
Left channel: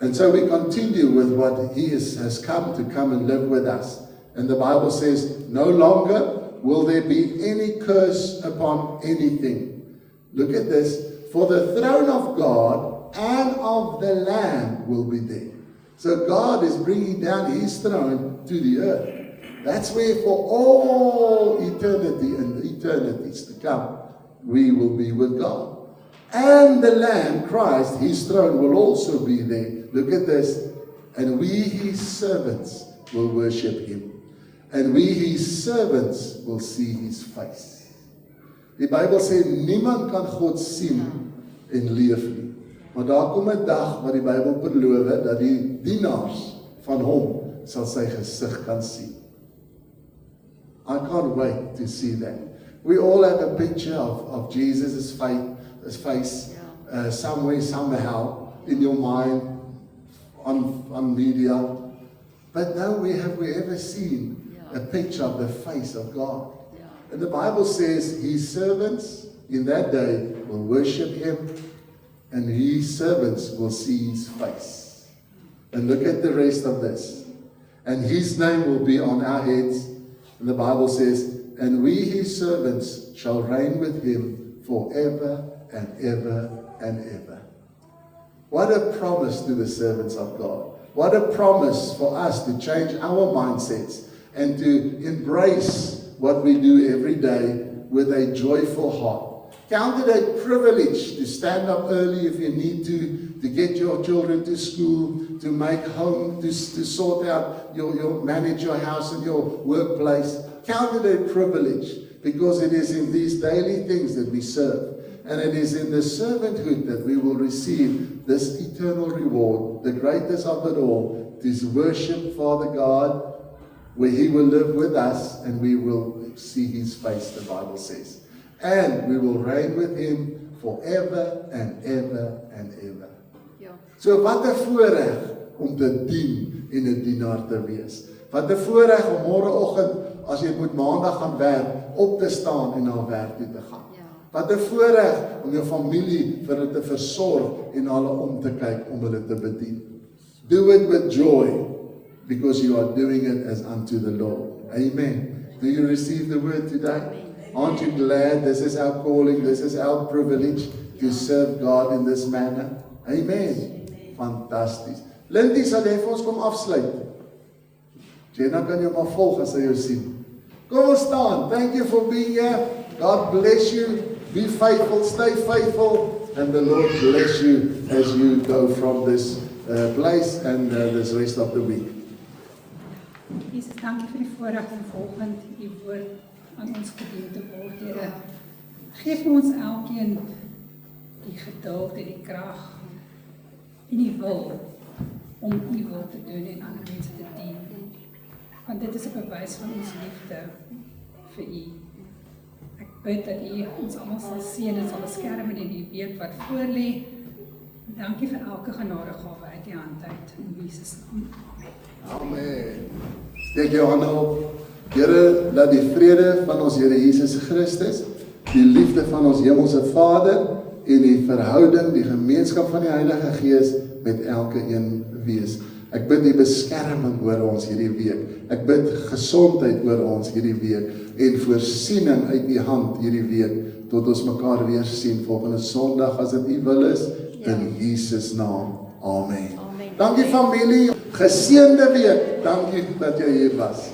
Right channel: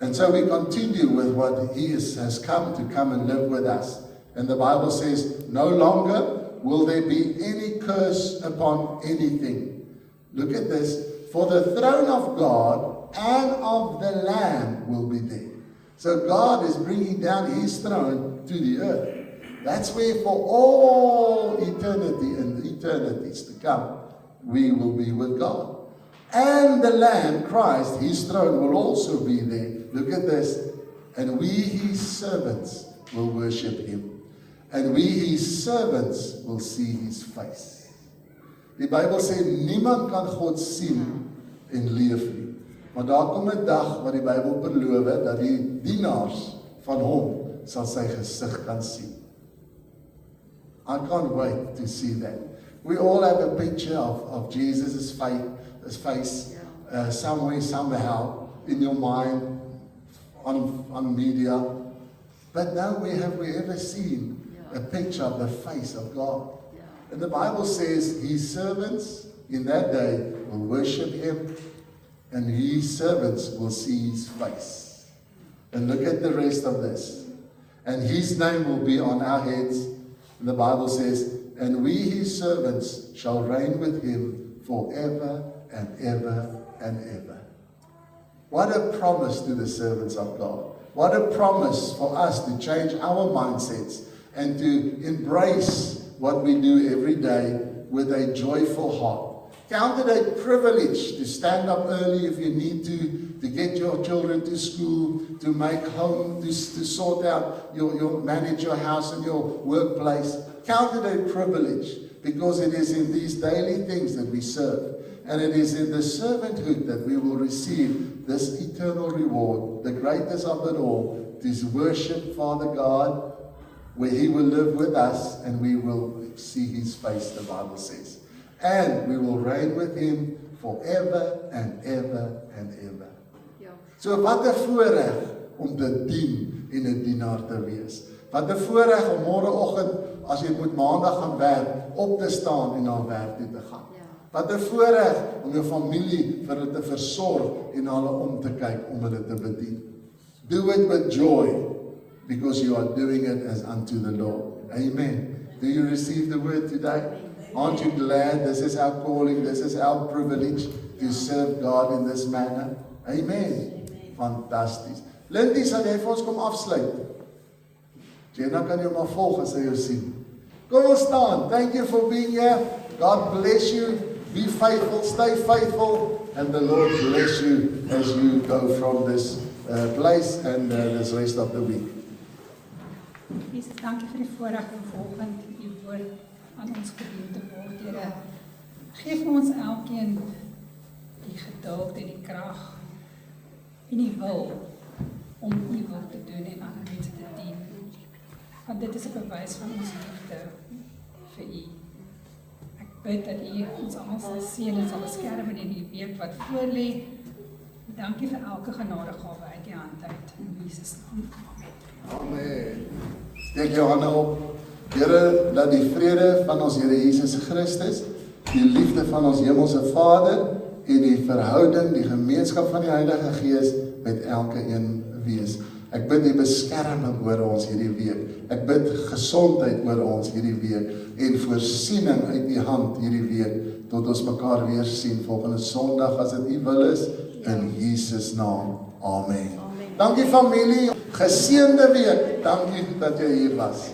And so we continue with what he has come and live with us. And the Bible says, no longer will there be any curse upon anything. Look at this. For the throne of God and of the Lamb will be there. So God is bringing down his throne to the earth. That's where for all eternity and eternities to come, we will be with God. And the Lamb, Christ, his throne will also be there. Look at this. And we, his servants, will worship him. And we, his servants, will see his face. Die Bybel sê, niemand kan God sien en leef nie. Maar daar kom 'n dag wat die Bybel beloof dat die dienaars van hom sal sy gesig kan sien. I can't wait to see that. We all have a picture of Jesus' face somewhere, somehow, in your mind, on media. But now have we ever seen a picture of the face of God? And the Bible says his servants in that day will worship him, and his servants will see his face. And look at the rest of this. And his name will be on our heads. And the Bible says, and we his servants shall reign with him forever and ever and ever. What a promise to the servants of God. What a promise for us to change our mindsets and to embrace what we do every day with a joyful heart. Count it a privilege to stand up early if you need to get your children to school, to make home, to sort out manage your house and your workplace. Count it a privilege, because it is in these daily things that we serve. And it is in the servanthood that we will receive this eternal reward, the greatest of it all, to worship Father God, where he will live with us and we will see his face, the Bible says. And we will reign with him forever and ever and ever. Ja. So wat 'n voorreg om te dien en 'n dienaar te wees. Wat 'n voorreg om môreoggend, as jy moet maandag gaan werk, op te staan en na werk toe te gaan. Ja. Wat 'n voorreg om jou familie vir hulle te versorg en hulle om te kyk om hulle te bedien. Do it with joy, because you are doing it as unto the Lord. Amen. Do you receive the word today? Aren't you glad this is our calling, this is our privilege to serve God in this manner? Amen. Fantasties. Lindy, sal jy vir ons kom afsluit? Jenna kan jou maar volg as jy jou sien. Kom ons staan. Thank you for being here. God bless you. Be faithful, stay faithful, and the Lord bless you as you go from this place and this rest of the week. Jesus, dankie vir die voorreg om volgend die woord aan ons gedien te word, Here. Geef ons elkeen die geduld en die krag en die wil om u wil te doen en ander mense te dien. Want dit is 'n bewys van ons liefde vir u. bid dat U ons almal sal seën en sal beskerm in die week wat voorlê. Dankie vir elke genadegawe uit U hand uit. In Jesus naam. Amen. Steek jou hande op. Here, laat die vrede van ons Here Jesus Christus, die liefde van ons Hemelse Vader en die verhouding, die gemeenskap van die Heilige Gees met elke een wees. Ek bid die beskerming oor ons hierdie week. Ek bid gesondheid oor ons hierdie week en voorsiening uit die hand hierdie week tot ons mekaar weer sien volgende Sondag as dit U wil is in Jesus naam. Amen. Dankie familie, geseënde week. Dankie dat jy hier was.